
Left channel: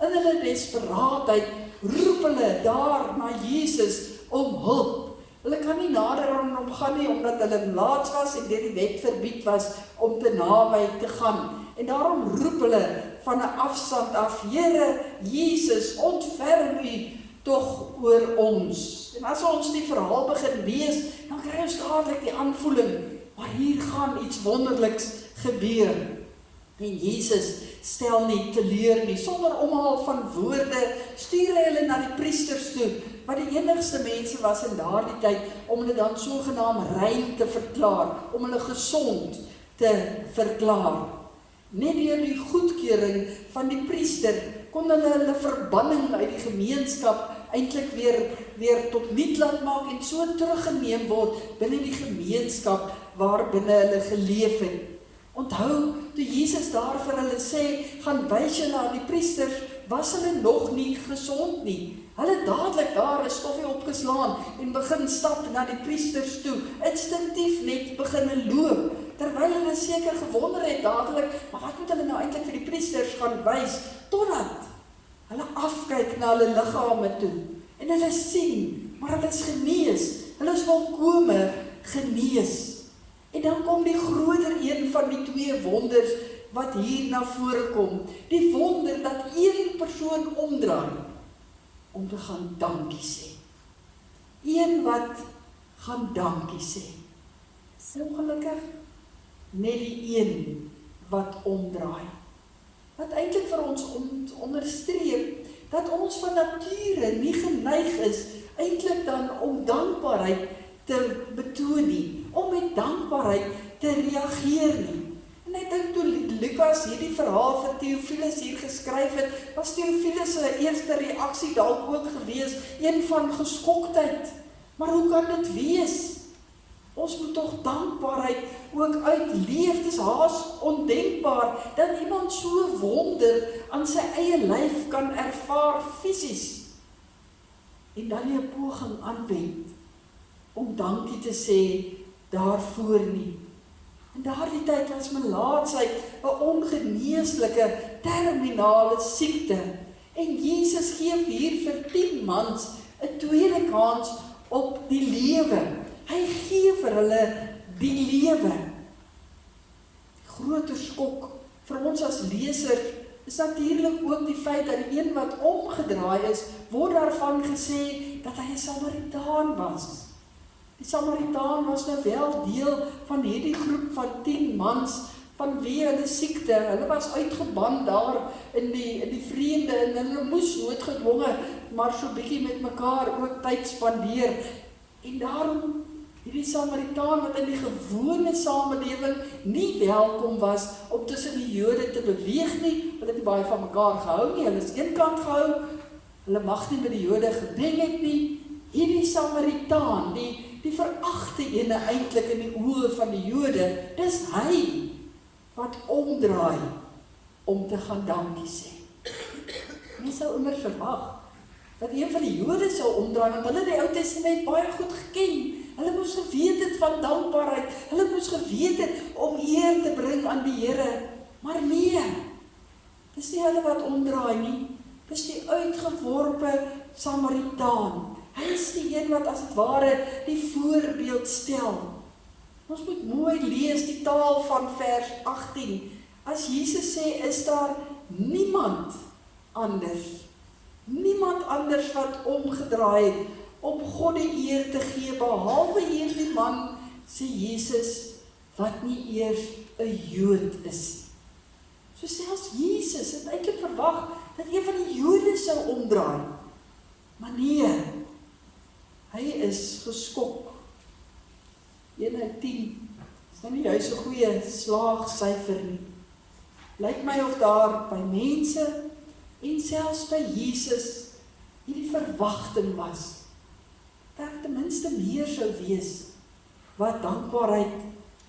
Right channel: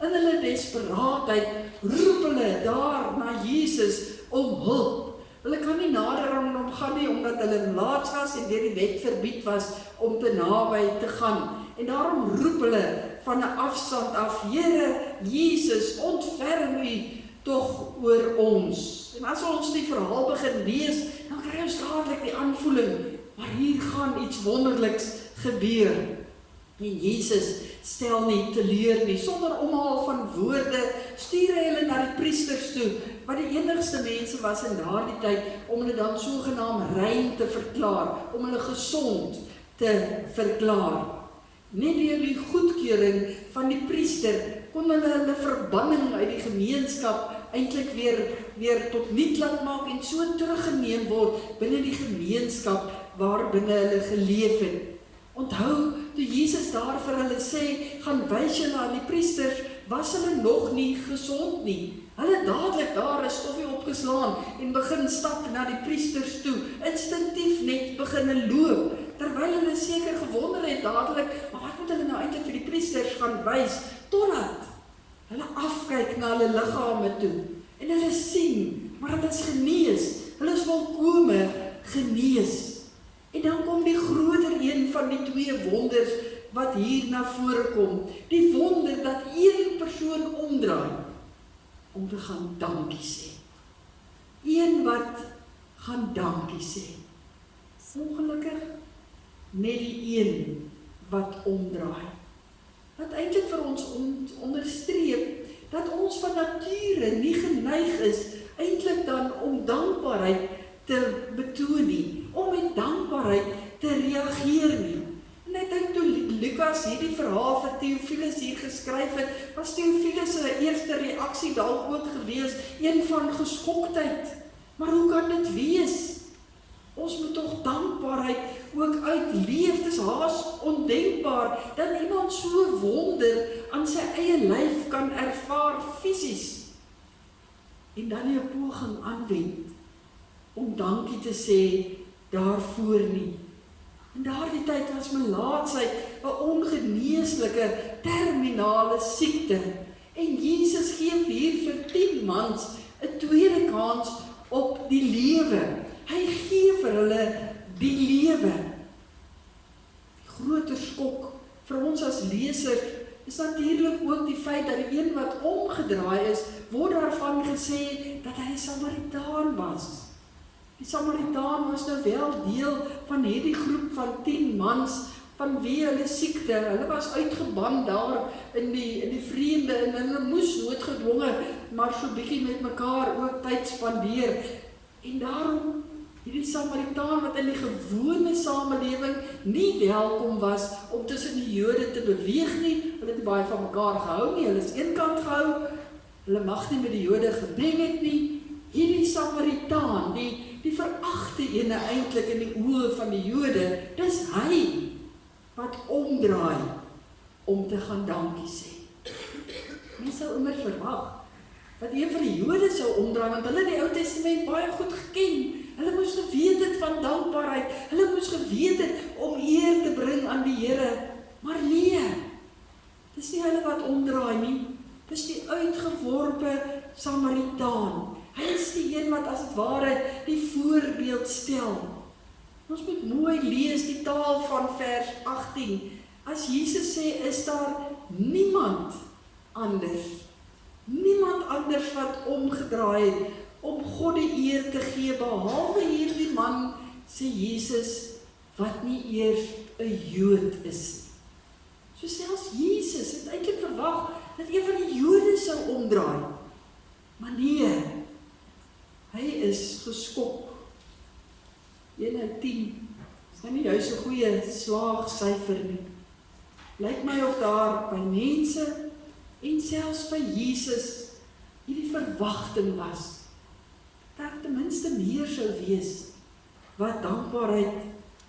In hulle desperaatheid roep hulle daar na Jesus om hulp. Hulle kan nie nader aan hom gaan nie, omdat hulle mlaats was en deur die wet verbied was om te naby te gaan. En daarom roep hulle van 'n afstand af, Here Jesus, ontferm U tog oor ons. En as ons die verhaal begin lees, dan kry ons dadelik die aanvoeling, maar hier gaan iets wonderliks gebeur. En Jesus stel nie teleur nie, sonder omhaal van woorde, stuur hy hulle na die priesters toe, wat die enigste mense was in daardie tyd, om hulle dan sogenaamd rein te verklaar, om hulle gesond te verklaar. Net deur die goedkeuring van die priester, kon hulle verbanning uit die gemeenskap eintlik weer tot niet laat maak, en so teruggeneem word binne die gemeenskap waar binne hulle geleef het. Onthou, toe Jesus daar vir hulle sê, gaan wys julle aan die priesters, was hulle nog nie gesond nie. Hulle dadelik daar 'n stoffie opgeslaan en begin stap na die priesters toe, instinktief net begin loop, terwyl hulle seker gewonder het dadelik, maar wat moet hulle nou eintlik vir die priesters gaan wys, totdat hulle afkyk na hulle liggame toe, en hulle sien, maar hulle is genees, hulle is volkome genees. En dan kom die groter een van die 2 wonders wat hier na vore kom. Die wonder dat een persoon omdraai om te gaan dankie sê. Een wat gaan dankie sê. Ongelukkig net die een wat omdraai. Wat eintlik vir ons onderstreep dat ons van nature nie geneig is eintlik dan om dankbaarheid te betoon nie, om met dankbaarheid te reageer nie. En ek dink toe Lukas hierdie verhaal vir Theophilus hier geskryf het, was Theophilus se eerste reaksie dalk ook gewees, een van geskoktheid. Maar hoe kan dit wees? Ons moet tog dankbaarheid ook uitleef. Dit is haas ondenkbaar dat iemand so wonder aan sy eie lyf kan ervaar fisies. En dan nie 'n poging aanwend om dankie te sê daarvoor nie. In daardie tyd was melaatsheid 'n ongeneeslike terminale siekte. En Jesus gee hier vir 10 mans 'n tweede kans op die lewe. Hy gee vir hulle die lewe. Groter skok vir ons as lesers is natuurlik ook die feit dat die een wat omgedraai is, word daarvan gesê dat hy 'n Samaritaan was. Die Samaritaan was nou wel deel van hierdie groep van 10 mans van wie hulle siekte. Hulle was uitgeban daar in die vreemde en hulle moes noodgedwonge maar so bietjie met mekaar ook tyd spandeer. En daarom Hierdie Samaritaan wat in die gewone samelewing nie welkom was om tussen die Jode te beweeg nie. Hulle het nie baie van mekaar gehou nie, hulle is eenkant gehou. Hulle mag nie met die Jode gebeng het nie. Hierdie Samaritaan, die veragte ene eintlik in die oë van die Jode, dis hy wat omdraai om te gaan dankie sê. Mens sou immer verwag dat een van die Jode sou omdraai, want hulle die Ou Testament baie goed geken. Hulle moes geweet het van dankbaarheid, hulle moes geweet het om eer te bring aan die Here. Maar nee, dis nie hulle wat omdraai nie, dis die uitgeworpe Samaritaan. Hy is die een wat as het ware die voorbeeld stel. Ons moet mooi lees die taal van vers 18. As Jesus sê, is daar niemand anders wat omgedraai het om God die eer te gee, behalwe hierdie man, sê Jesus, wat nie eers 'n Jood is. So selfs Jesus het eintlik verwag dat een van die Jode sou omdraai. Maar nee, hy is geskok. 1/10 is nou nie juist 'n goeie slaagsyfer nie. Lyk my of daar by mense en selfs by Jesus hierdie verwagting was, dat ten minste meer sou wees, wat dankbaarheid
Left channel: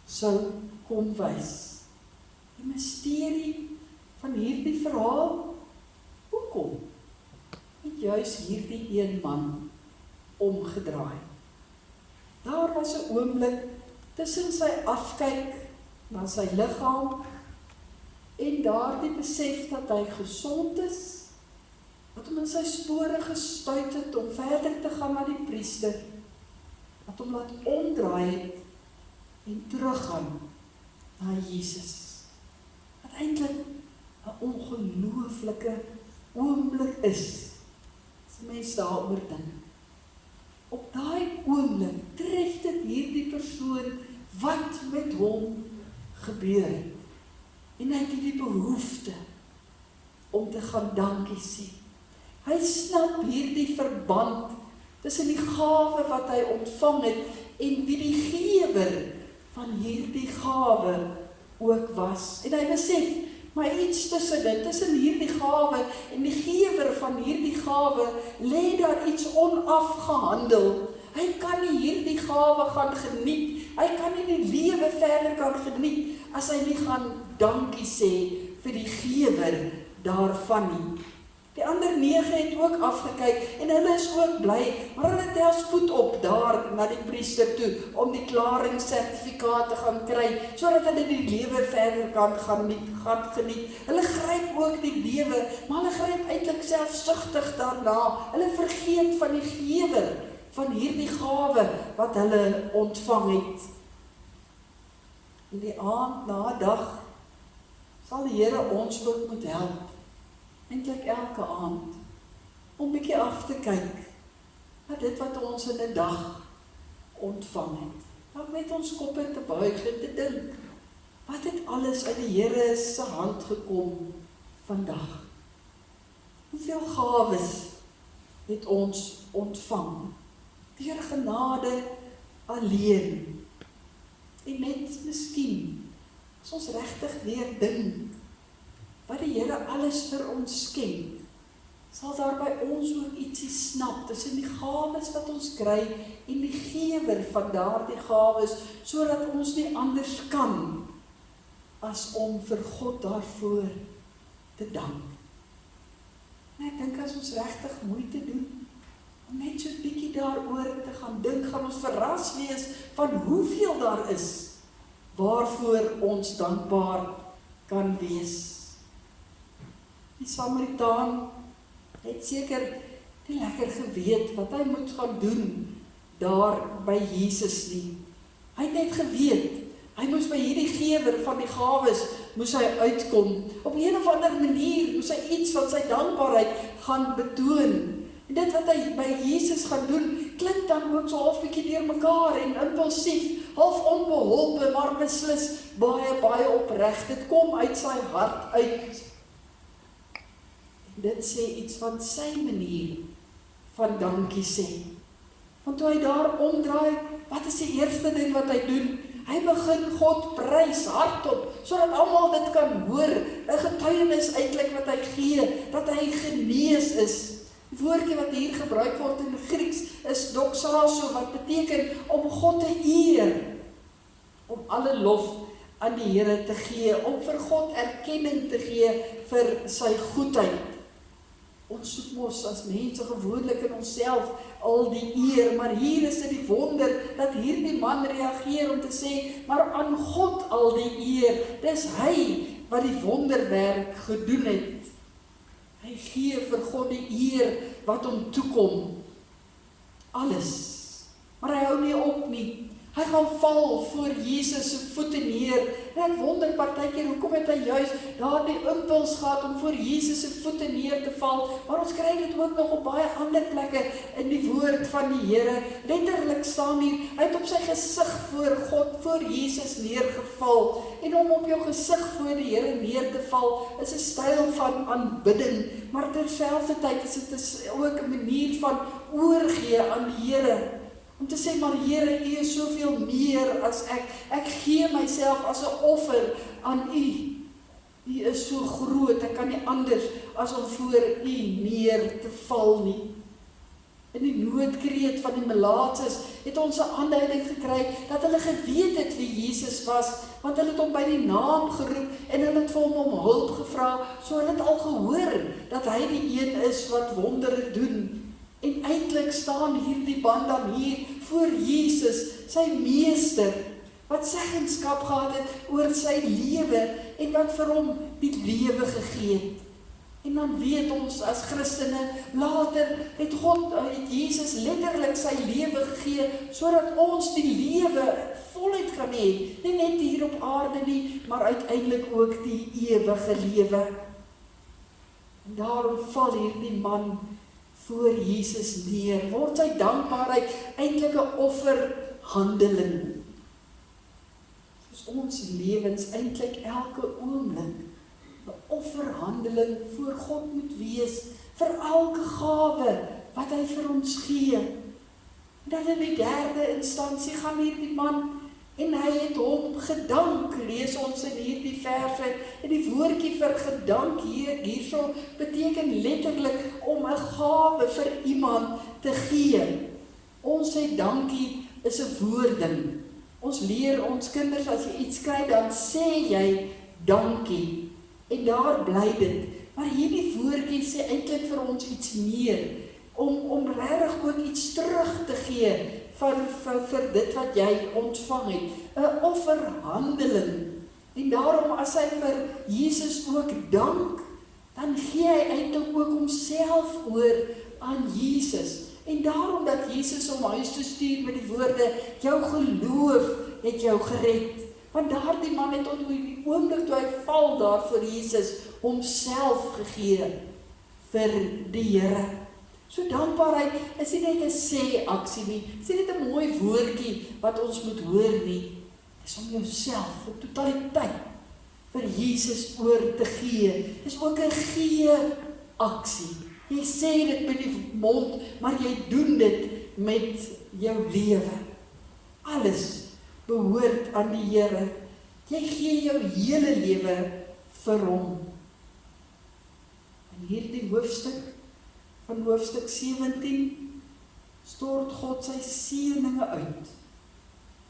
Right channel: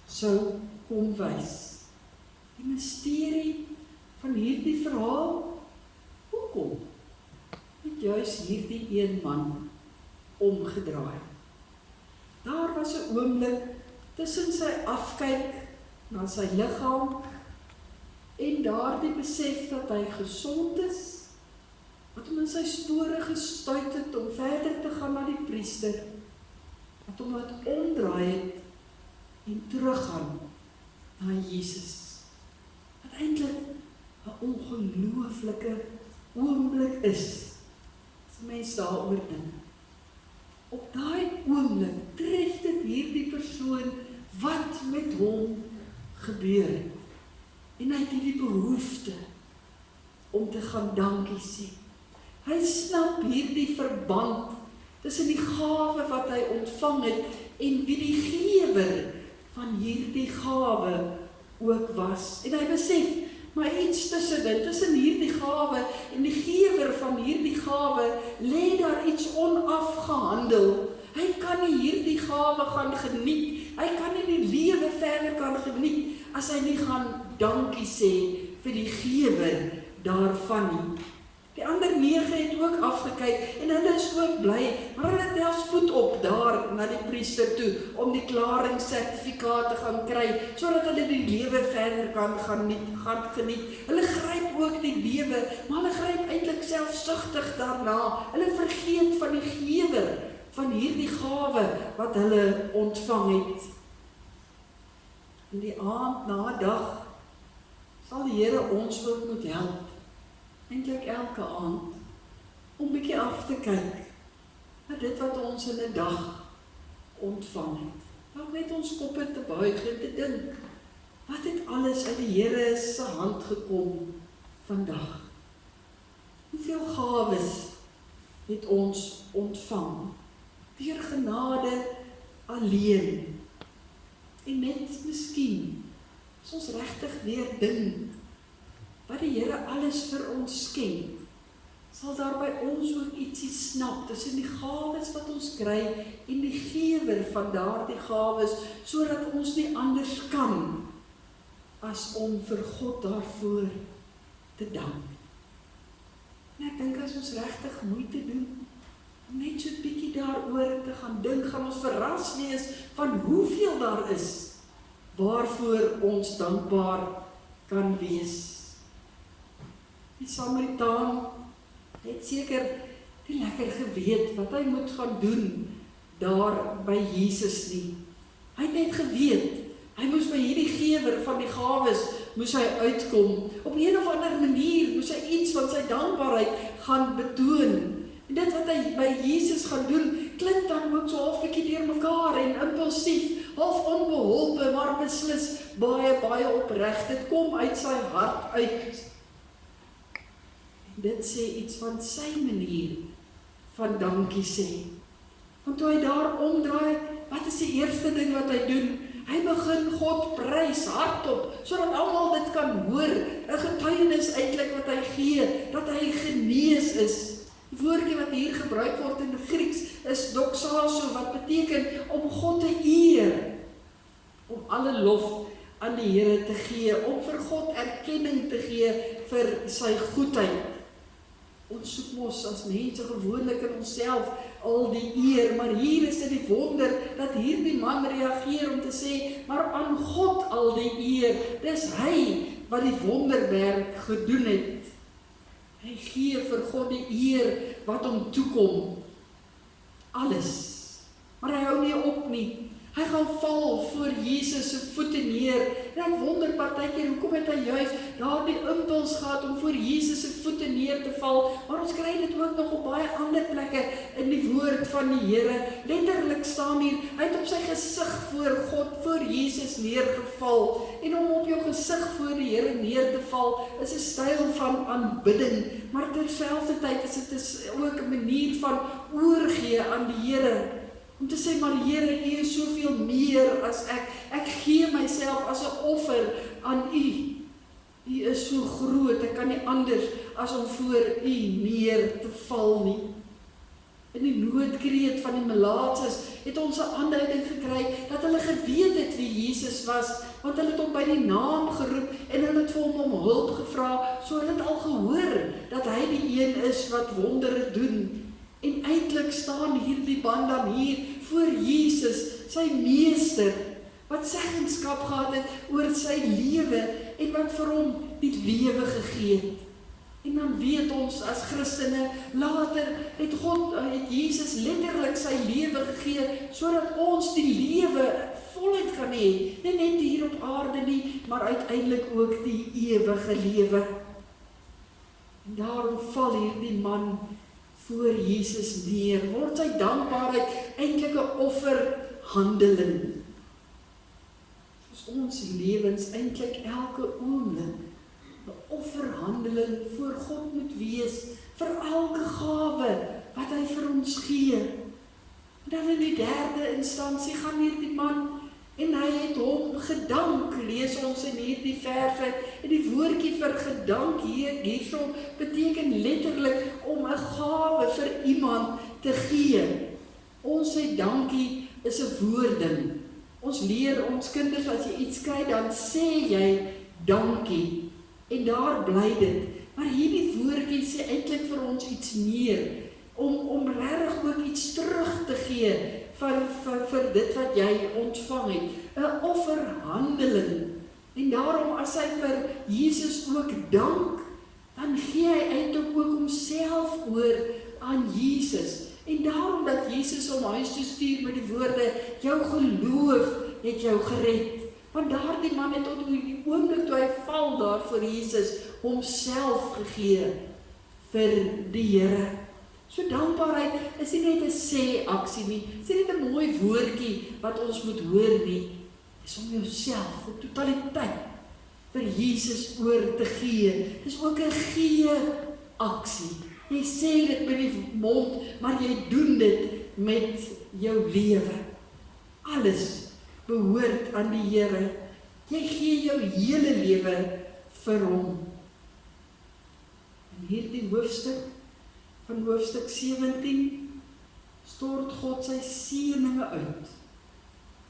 sou kom wys. Die misterie van hierdie verhaal, hoekom het juist hierdie een man omgedraai? Daar was 'n oomblik tussen sy afkyk na sy liggaam en daardie besef dat hy gesond is, wat hom in sy spore gestuit het om verder te gaan na die priester, wat hom laat omdraai het en teruggaan na Jesus. Wat eintlik 'n ongelooflike oomblik is, as die mens daaroor dink. Op daai oomblik tref dit hierdie persoon wat met hom gebeur het. En hy het hierdie behoefte om te gaan dankie sê. Hy snap hierdie verband tussen die gawe wat hy ontvang het en wie die gewer van hierdie gawe ook was. En hy besef, maar iets tussen hierdie gawe en die gewer van hierdie gawe, lê daar iets onafgehandel. Hy kan nie hierdie gawe gaan geniet, hy kan nie die lewe verder kan geniet, as hy nie gaan dankie sê vir die gewer daarvan nie. Die ander 9 het ook afgekyk en hulle is ook bly, maar hulle tel spoed op daar na die priester toe om die klaringssertifikaat te gaan kry, sodat hulle die lewe verder kan gaan geniet. Hulle gryp ook die lewe, maar hulle gryp eintlik selfsugtig daarna. Hulle vergeet van die gewer van hierdie gawe wat hulle ontvang het. In die aand na dag sal die Here ons ook moet help, eintlik elke aand, om bietjie af te kyk na dit wat ons in 'n dag ontvang het. Dan met ons koppe te buig en te dink, wat het alles uit die Here se hand gekom vandag? Hoeveel gawes het ons ontvang? Deur genade alleen. En net miskien, as ons regtig weer dink, wat die Here alles vir ons skenk, sal daar by ons ook ietsie snap tussen die gawes wat ons kry en die gewer van daardie gawes, sodat ons nie anders kan as om vir God daarvoor te dank. En ek dink as ons regtig moeite doen om net so 'n bietjie daaroor te gaan dink, gaan ons verras wees van hoeveel daar is waarvoor ons dankbaar kan wees. Die Samaritaan het seker nie lekker geweet wat hy moet gaan doen daar by Jesus nie. Hy het net geweet, hy moes by hierdie gewer van die gawes, moes hy uitkom. Op 'n of ander manier moes hy iets van sy dankbaarheid gaan betoon. En dit wat hy by Jesus gaan doen, klink dan ook so half bietjie deur mekaar en impulsief, half onbeholpe, maar beslis baie opreg. Dit kom uit sy hart uit. En dit sê iets van sy manier van dankie sê. Want toe hy daar omdraai, wat is die eerste ding wat hy doen? Hy begin God prys hardop, sodat almal dit kan hoor, 'n getuienis eintlik wat hy gee, dat hy genees is. Die woordjie wat hier gebruik word in Grieks is doxazo, wat beteken om God te eer, om alle lof aan die Here te gee, om vir God erkenning te gee vir sy goedheid. Ons soek mos as mense gewoonlik in onsself al die eer, maar hier is dit die wonder dat hierdie man reageer om te sê, maar aan God al die eer, dis hy wat die wonderwerk gedoen het. Hy gee vir God die eer wat hom toekom. Alles. Maar hy hou nie op nie. Hy gaan val voor Jesus se voete neer. En ek wonder partykeer, hoekom het hy juist daardie impuls gehad om voor Jesus se voete neer te val? Maar ons kry dit ook nog op baie ander plekke in die woord van die Here. Letterlik staan hier, hy het op sy gesig voor God, voor Jesus neergeval. En om op jou gesig voor die Here neer te val, is 'n styl van aanbidding. Maar terselfdertyd is dit ook 'n manier van oorgee aan die Here. Om te sê, maar Here, U is soveel meer as ek. Ek gee myself as 'n offer aan U. U is so groot, ek kan nie anders as om voor U neer te val nie. In die noodkreet van die melaatses het ons 'n aanduiding gekry dat hulle geweet het wie Jesus was, want hulle het hom by die naam geroep en hulle het vir hom om hulp gevra, so hulle het al gehoor dat hy die een is wat wondere doen. En eintlik staan hierdie man dan hier voor Jesus, sy meester, wat seggenskap gehad het oor sy lewe en wat vir hom die lewe gegee het. En dan weet ons as Christene, later het Jesus letterlik sy lewe gegee, sodat ons die lewe voluit kan hê, nie net hier op aarde nie, maar uiteindelik ook die ewige lewe. En daarom val hierdie man voor Jesus neer, word sy dankbaarheid eintlik 'n offerhandeling. Soos ons lewens eintlik elke oomblik 'n offerhandeling voor God moet wees, vir elke gawe wat hy vir ons gee. En dan in die derde instansie gaan hierdie man, en hy het hom gedank, lees ons in hierdie verse, en die woordjie vir gedank hierso beteken letterlik om 'n gawe vir iemand te gee. Ons sê dankie is 'n woording. Ons leer ons kinders, as jy iets kry, dan sê jy dankie, en daar bly dit. Maar hierdie woordjie sê eintlik vir ons iets meer, om regtig ook iets terug te gee vir dit wat jy ontvang het, 'n offerhandeling. En daarom as hy vir Jesus ook dank, dan gee hy eintlik ook homself oor aan Jesus. En daarom dat Jesus hom huis toe stuur met die woorde, jou geloof het jou gered. Want daardie man het tot die oomblik toe hy val daar voor Jesus, homself gegee vir die Here. So dankbaarheid is nie net 'n sê-aksie nie, is nie net 'n mooi woordjie wat ons moet hoor nie, is om jouself in totaliteit vir Jesus oor te gee. Dis ook 'n gee-aksie. Jy sê dit met die mond, maar jy doen dit met jou lewe. Alles behoort aan die Here. Jy gee jou hele lewe vir hom. In hierdie hoofstuk, van hoofstuk 17, stort God sy seëninge uit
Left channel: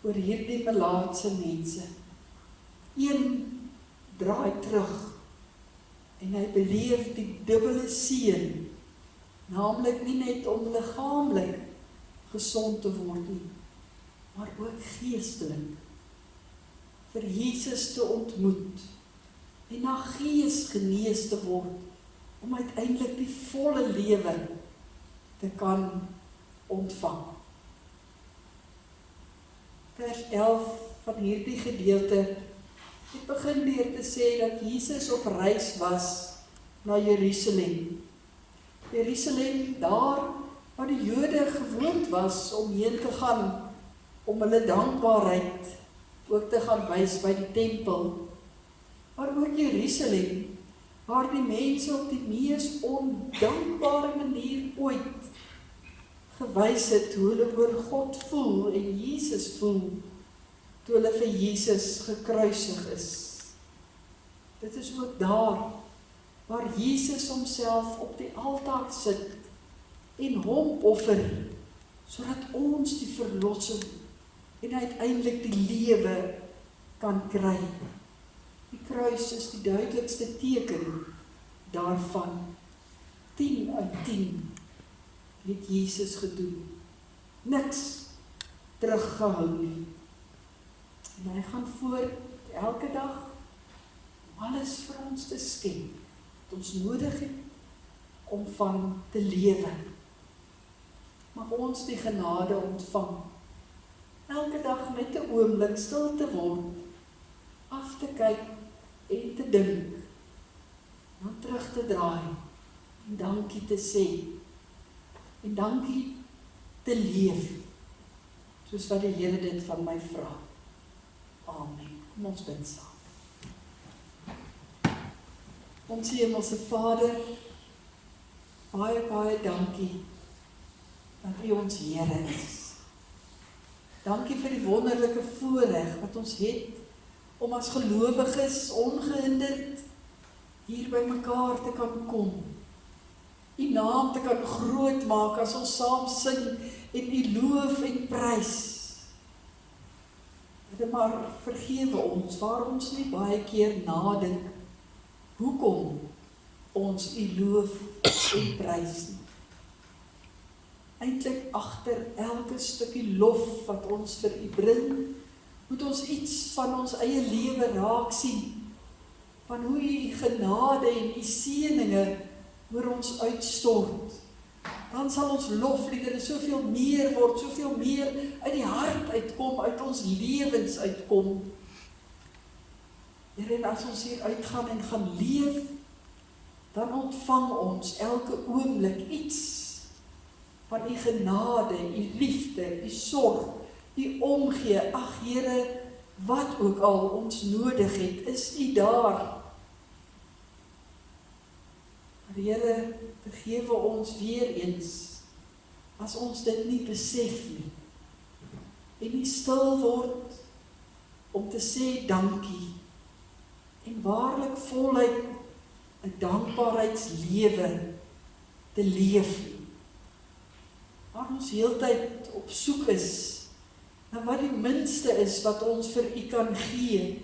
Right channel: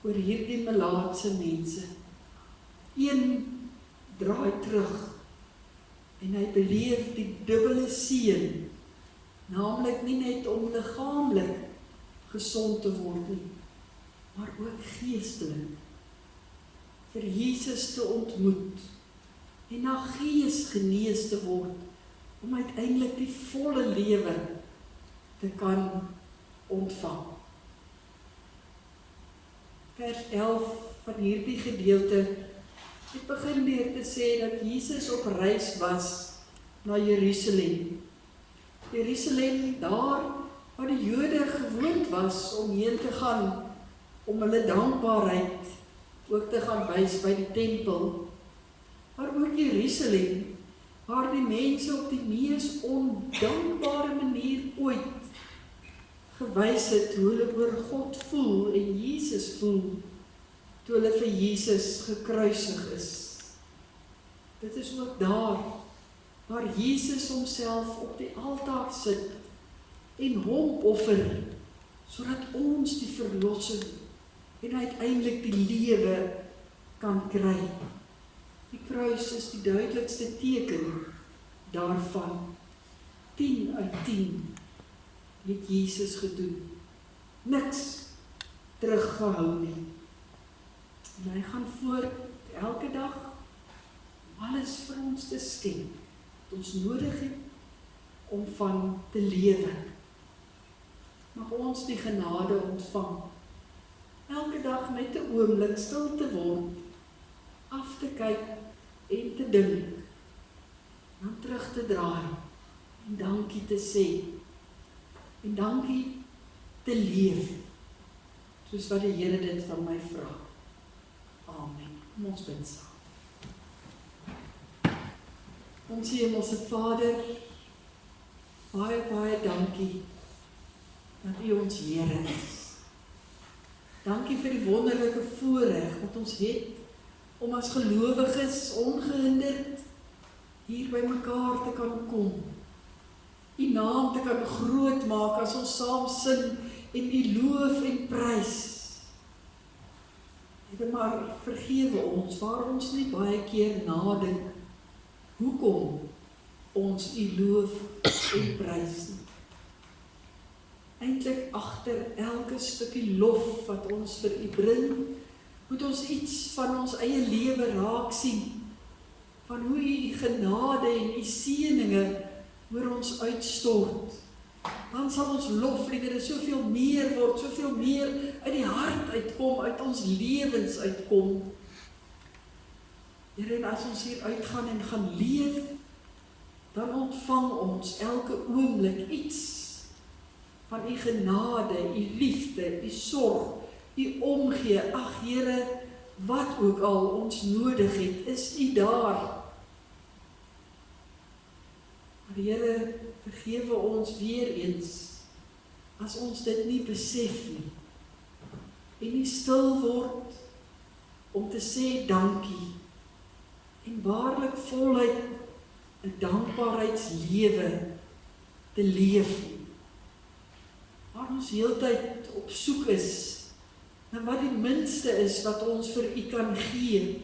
oor hierdie melaatse mense. Een draai terug en hy beleef die dubbele seën, naamlik nie net om liggaamlik gesond te word nie, maar ook geestelik, vir Jesus te ontmoet en na gees genees te word, om uiteindelik die volle lewe te kan ontvang. Vers 11 van hierdie gedeelte het begin deur te sê dat Jesus op reis was na Jerusalem. Jerusalem, daar waar die Jode gewoond was om heen te gaan, om hulle dankbaarheid ook te gaan wys by die tempel. Maar ook Jerusalem, waar die mense op die mees ondankbare manier ooit gewys het hoe hulle oor God voel en Jesus voel toe hulle vir Jesus gekruisig is. Dit is ook daar waar Jesus homself op die altaar sit en hom offer, sodat ons die verlossing en uiteindelik die lewe kan kry. Die kruis is die duidelikste teken daarvan. 10 uit 10 het Jesus gedoen. Niks teruggehou nie. En hy gaan voort elke dag om alles vir ons te skenk, wat ons nodig het om van te lewe. Mag ons die genade ontvang, elke dag net 'n oomblik stil te word, af te kyk en te dink, dan terug te draai en dankie te sê, en dankie te leef, soos wat die Here dit van my vra. Amen. Kom ons bid saam. Ons Hemelse Vader, baie, baie dankie dat U ons Here is. Dankie vir die wonderlike voorreg wat ons het om as gelowiges ongehinderd hier by mekaar te kan kom. U naam te kan groot maak as ons saam sing en U loof en prys. Here, maar vergewe ons waar ons nie baie keer nadink hoekom ons U loof en prys nie. Eintlik agter elke stukkie lof wat ons vir U bring, moet ons iets van ons eie lewe raak sien, van hoe U genade en U seëninge oor ons uitstort. Dan sal ons lofliedere soveel meer word, soveel meer uit die hart uitkom, uit ons lewens uitkom. Here, en as ons hier uitgaan en gaan leef, dan ontvang ons elke oomblik iets van U genade, U liefde, U sorg, U omgee. Ag Here, wat ook al ons nodig het, is U daar. Here, vergewe ons weer eens, as ons dit nie besef nie, en nie stil word, om te sê dankie, en waarlik voluit, 'n dankbaarheidslewe te leef nie. Waar ons heeltyd op soek is, na wat die minste is wat ons vir U kan gee,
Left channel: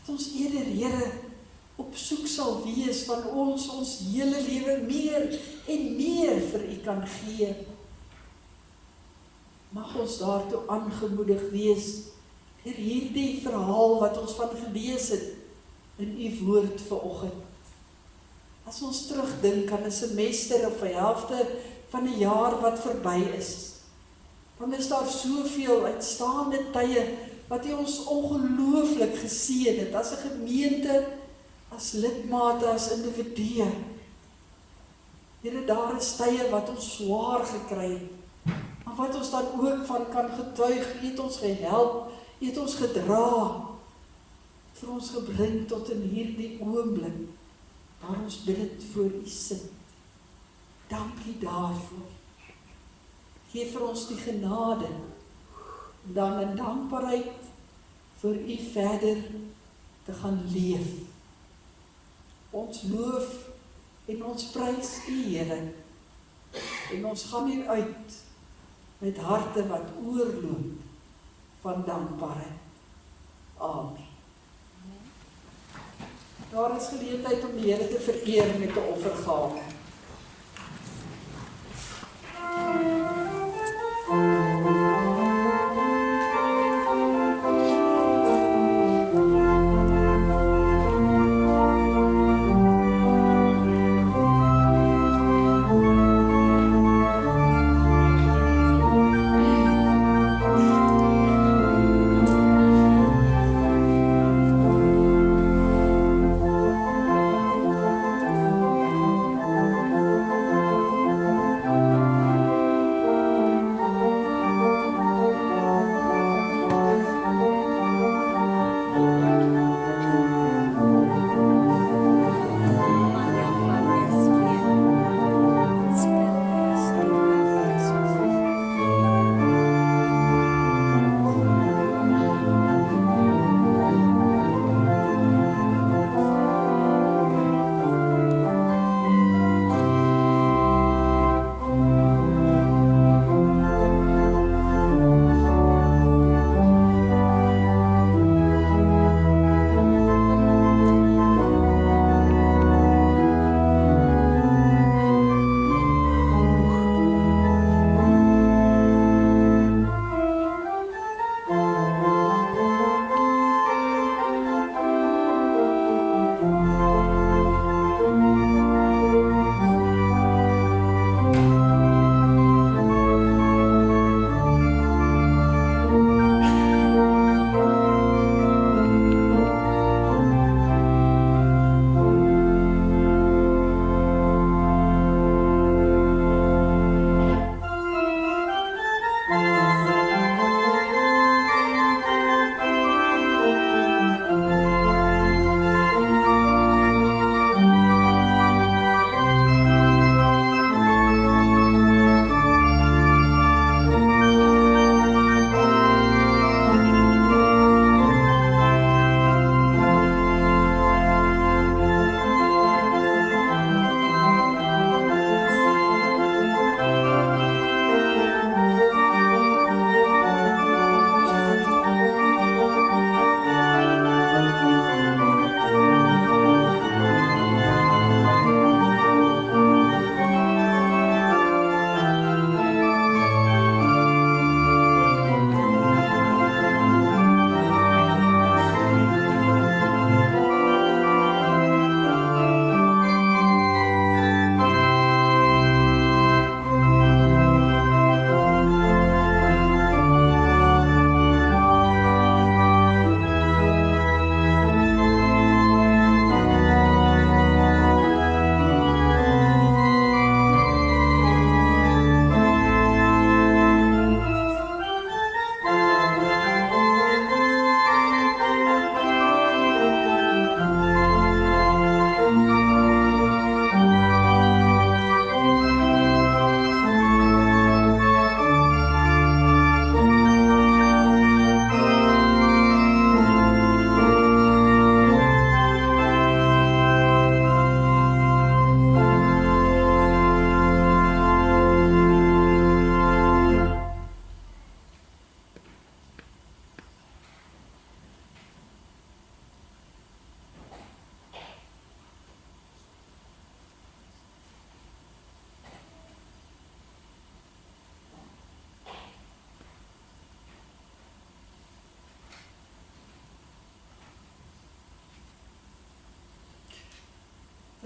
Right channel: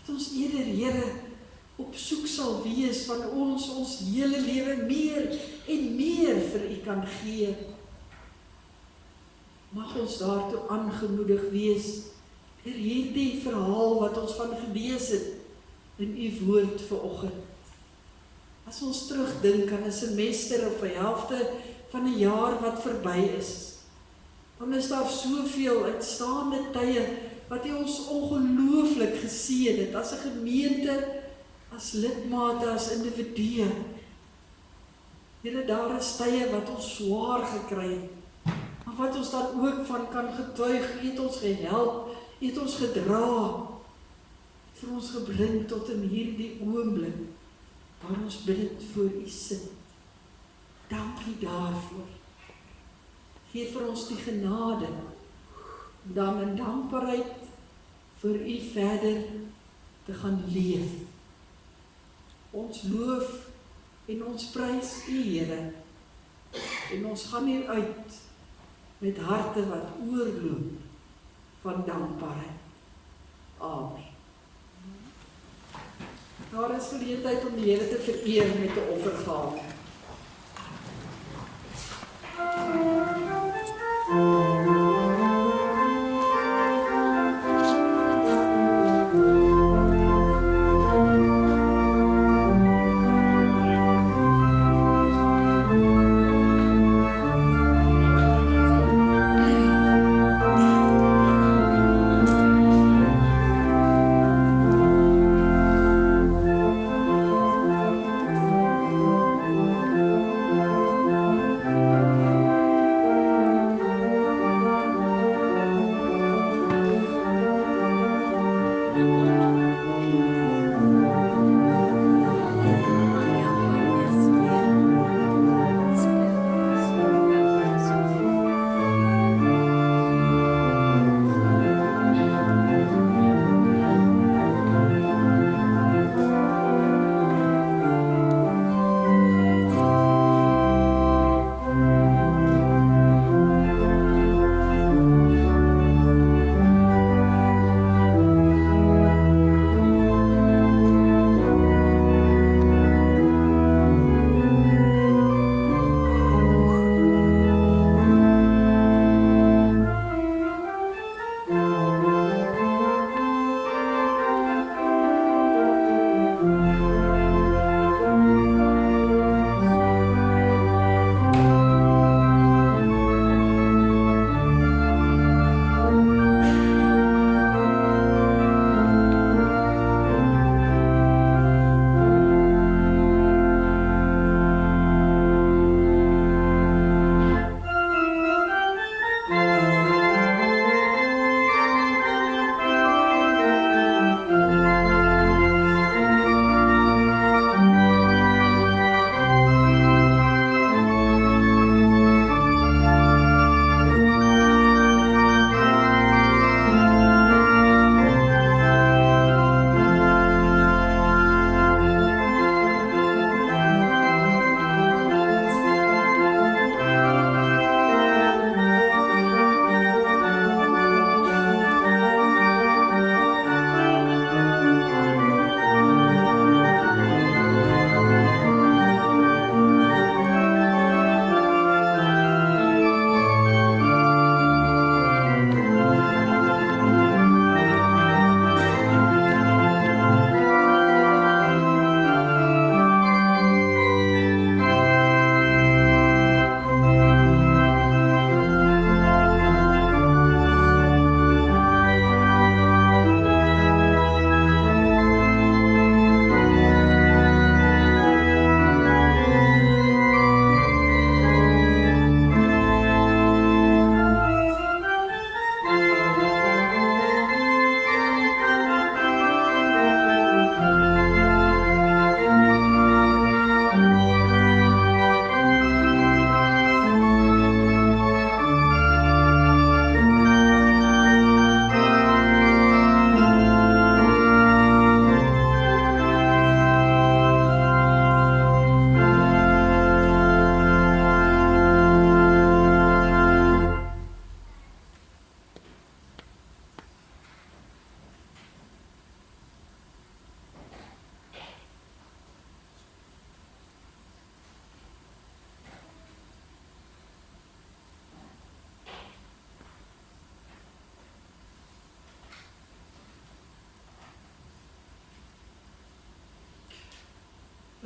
dat ons eerder, Here, op soek sal wees van ons hele lewe meer en meer vir U kan gee. Mag ons daartoe aangemoedig wees deur hierdie verhaal wat ons van gelees het in U woord vanoggend. As ons terugdink aan 'n semester of 'n helfte van 'n jaar wat verby is, dan is daar soveel uitstaande tye wat U ons ongelooflik geseën het as 'n gemeente, as lidmate, as individue. Here, daar is tye wat ons swaar gekry het, maar wat ons dan ook van kan getuig. U het ons gehelp, U het ons gedra, vir ons gebring tot in hierdie oomblik, waar ons bid voor U sit. Dankie daarvoor. Geef vir ons die genade, dan in dankbaarheid vir U verder te gaan leef. Ons loof en ons prys U, Here, en ons gaan hier uit met harte wat oorloop van dankbaarheid. Amen. Daar is geleentheid om die Here te vereer met 'n offergawe.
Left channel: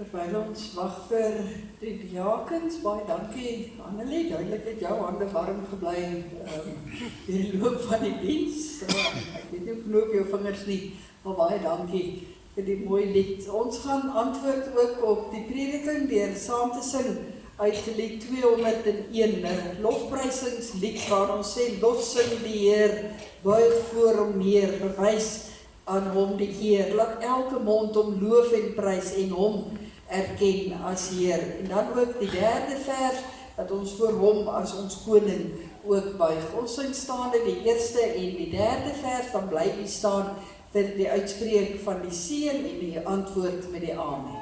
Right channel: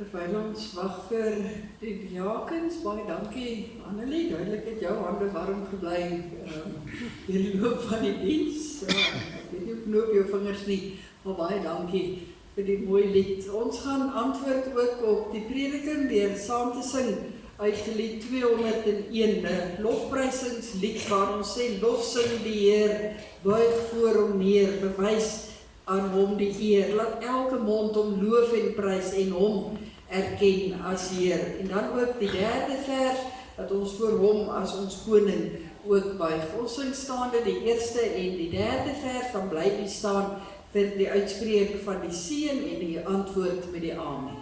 Terwyl ons wag vir die diakens, baie dankie Annelie, duidelik het jou hande warm gebly deur die loop van die diens. Ek weet nie hoe knoop jou vingers nie, maar baie dankie vir die mooi lied. Ons gaan antwoord ook op die prediking deur saam te sing uit lied 201, 'n lofprysingslied waar ons sê lofsing die Heer, buig voor hom neer, bewys aan hom die eer, laat elke mond hom loof en prys en hom erken as Heer. En dan ook die 3de vers, dat ons voor hom as ons koning ook buig. Ons sing staande die 1ste en die 3de vers, dan bly die staan vir die uitspreek van die seën en die antwoord met die amen.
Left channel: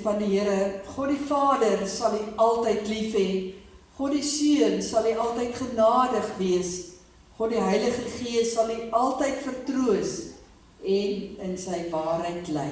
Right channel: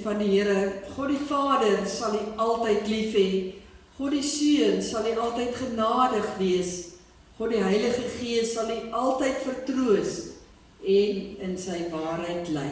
Van die Here, God die Vader sal U altyd lief hê, God die Seun sal U altyd genadig wees, God die Heilige Gees sal U altyd vertroos en in sy waarheid lei.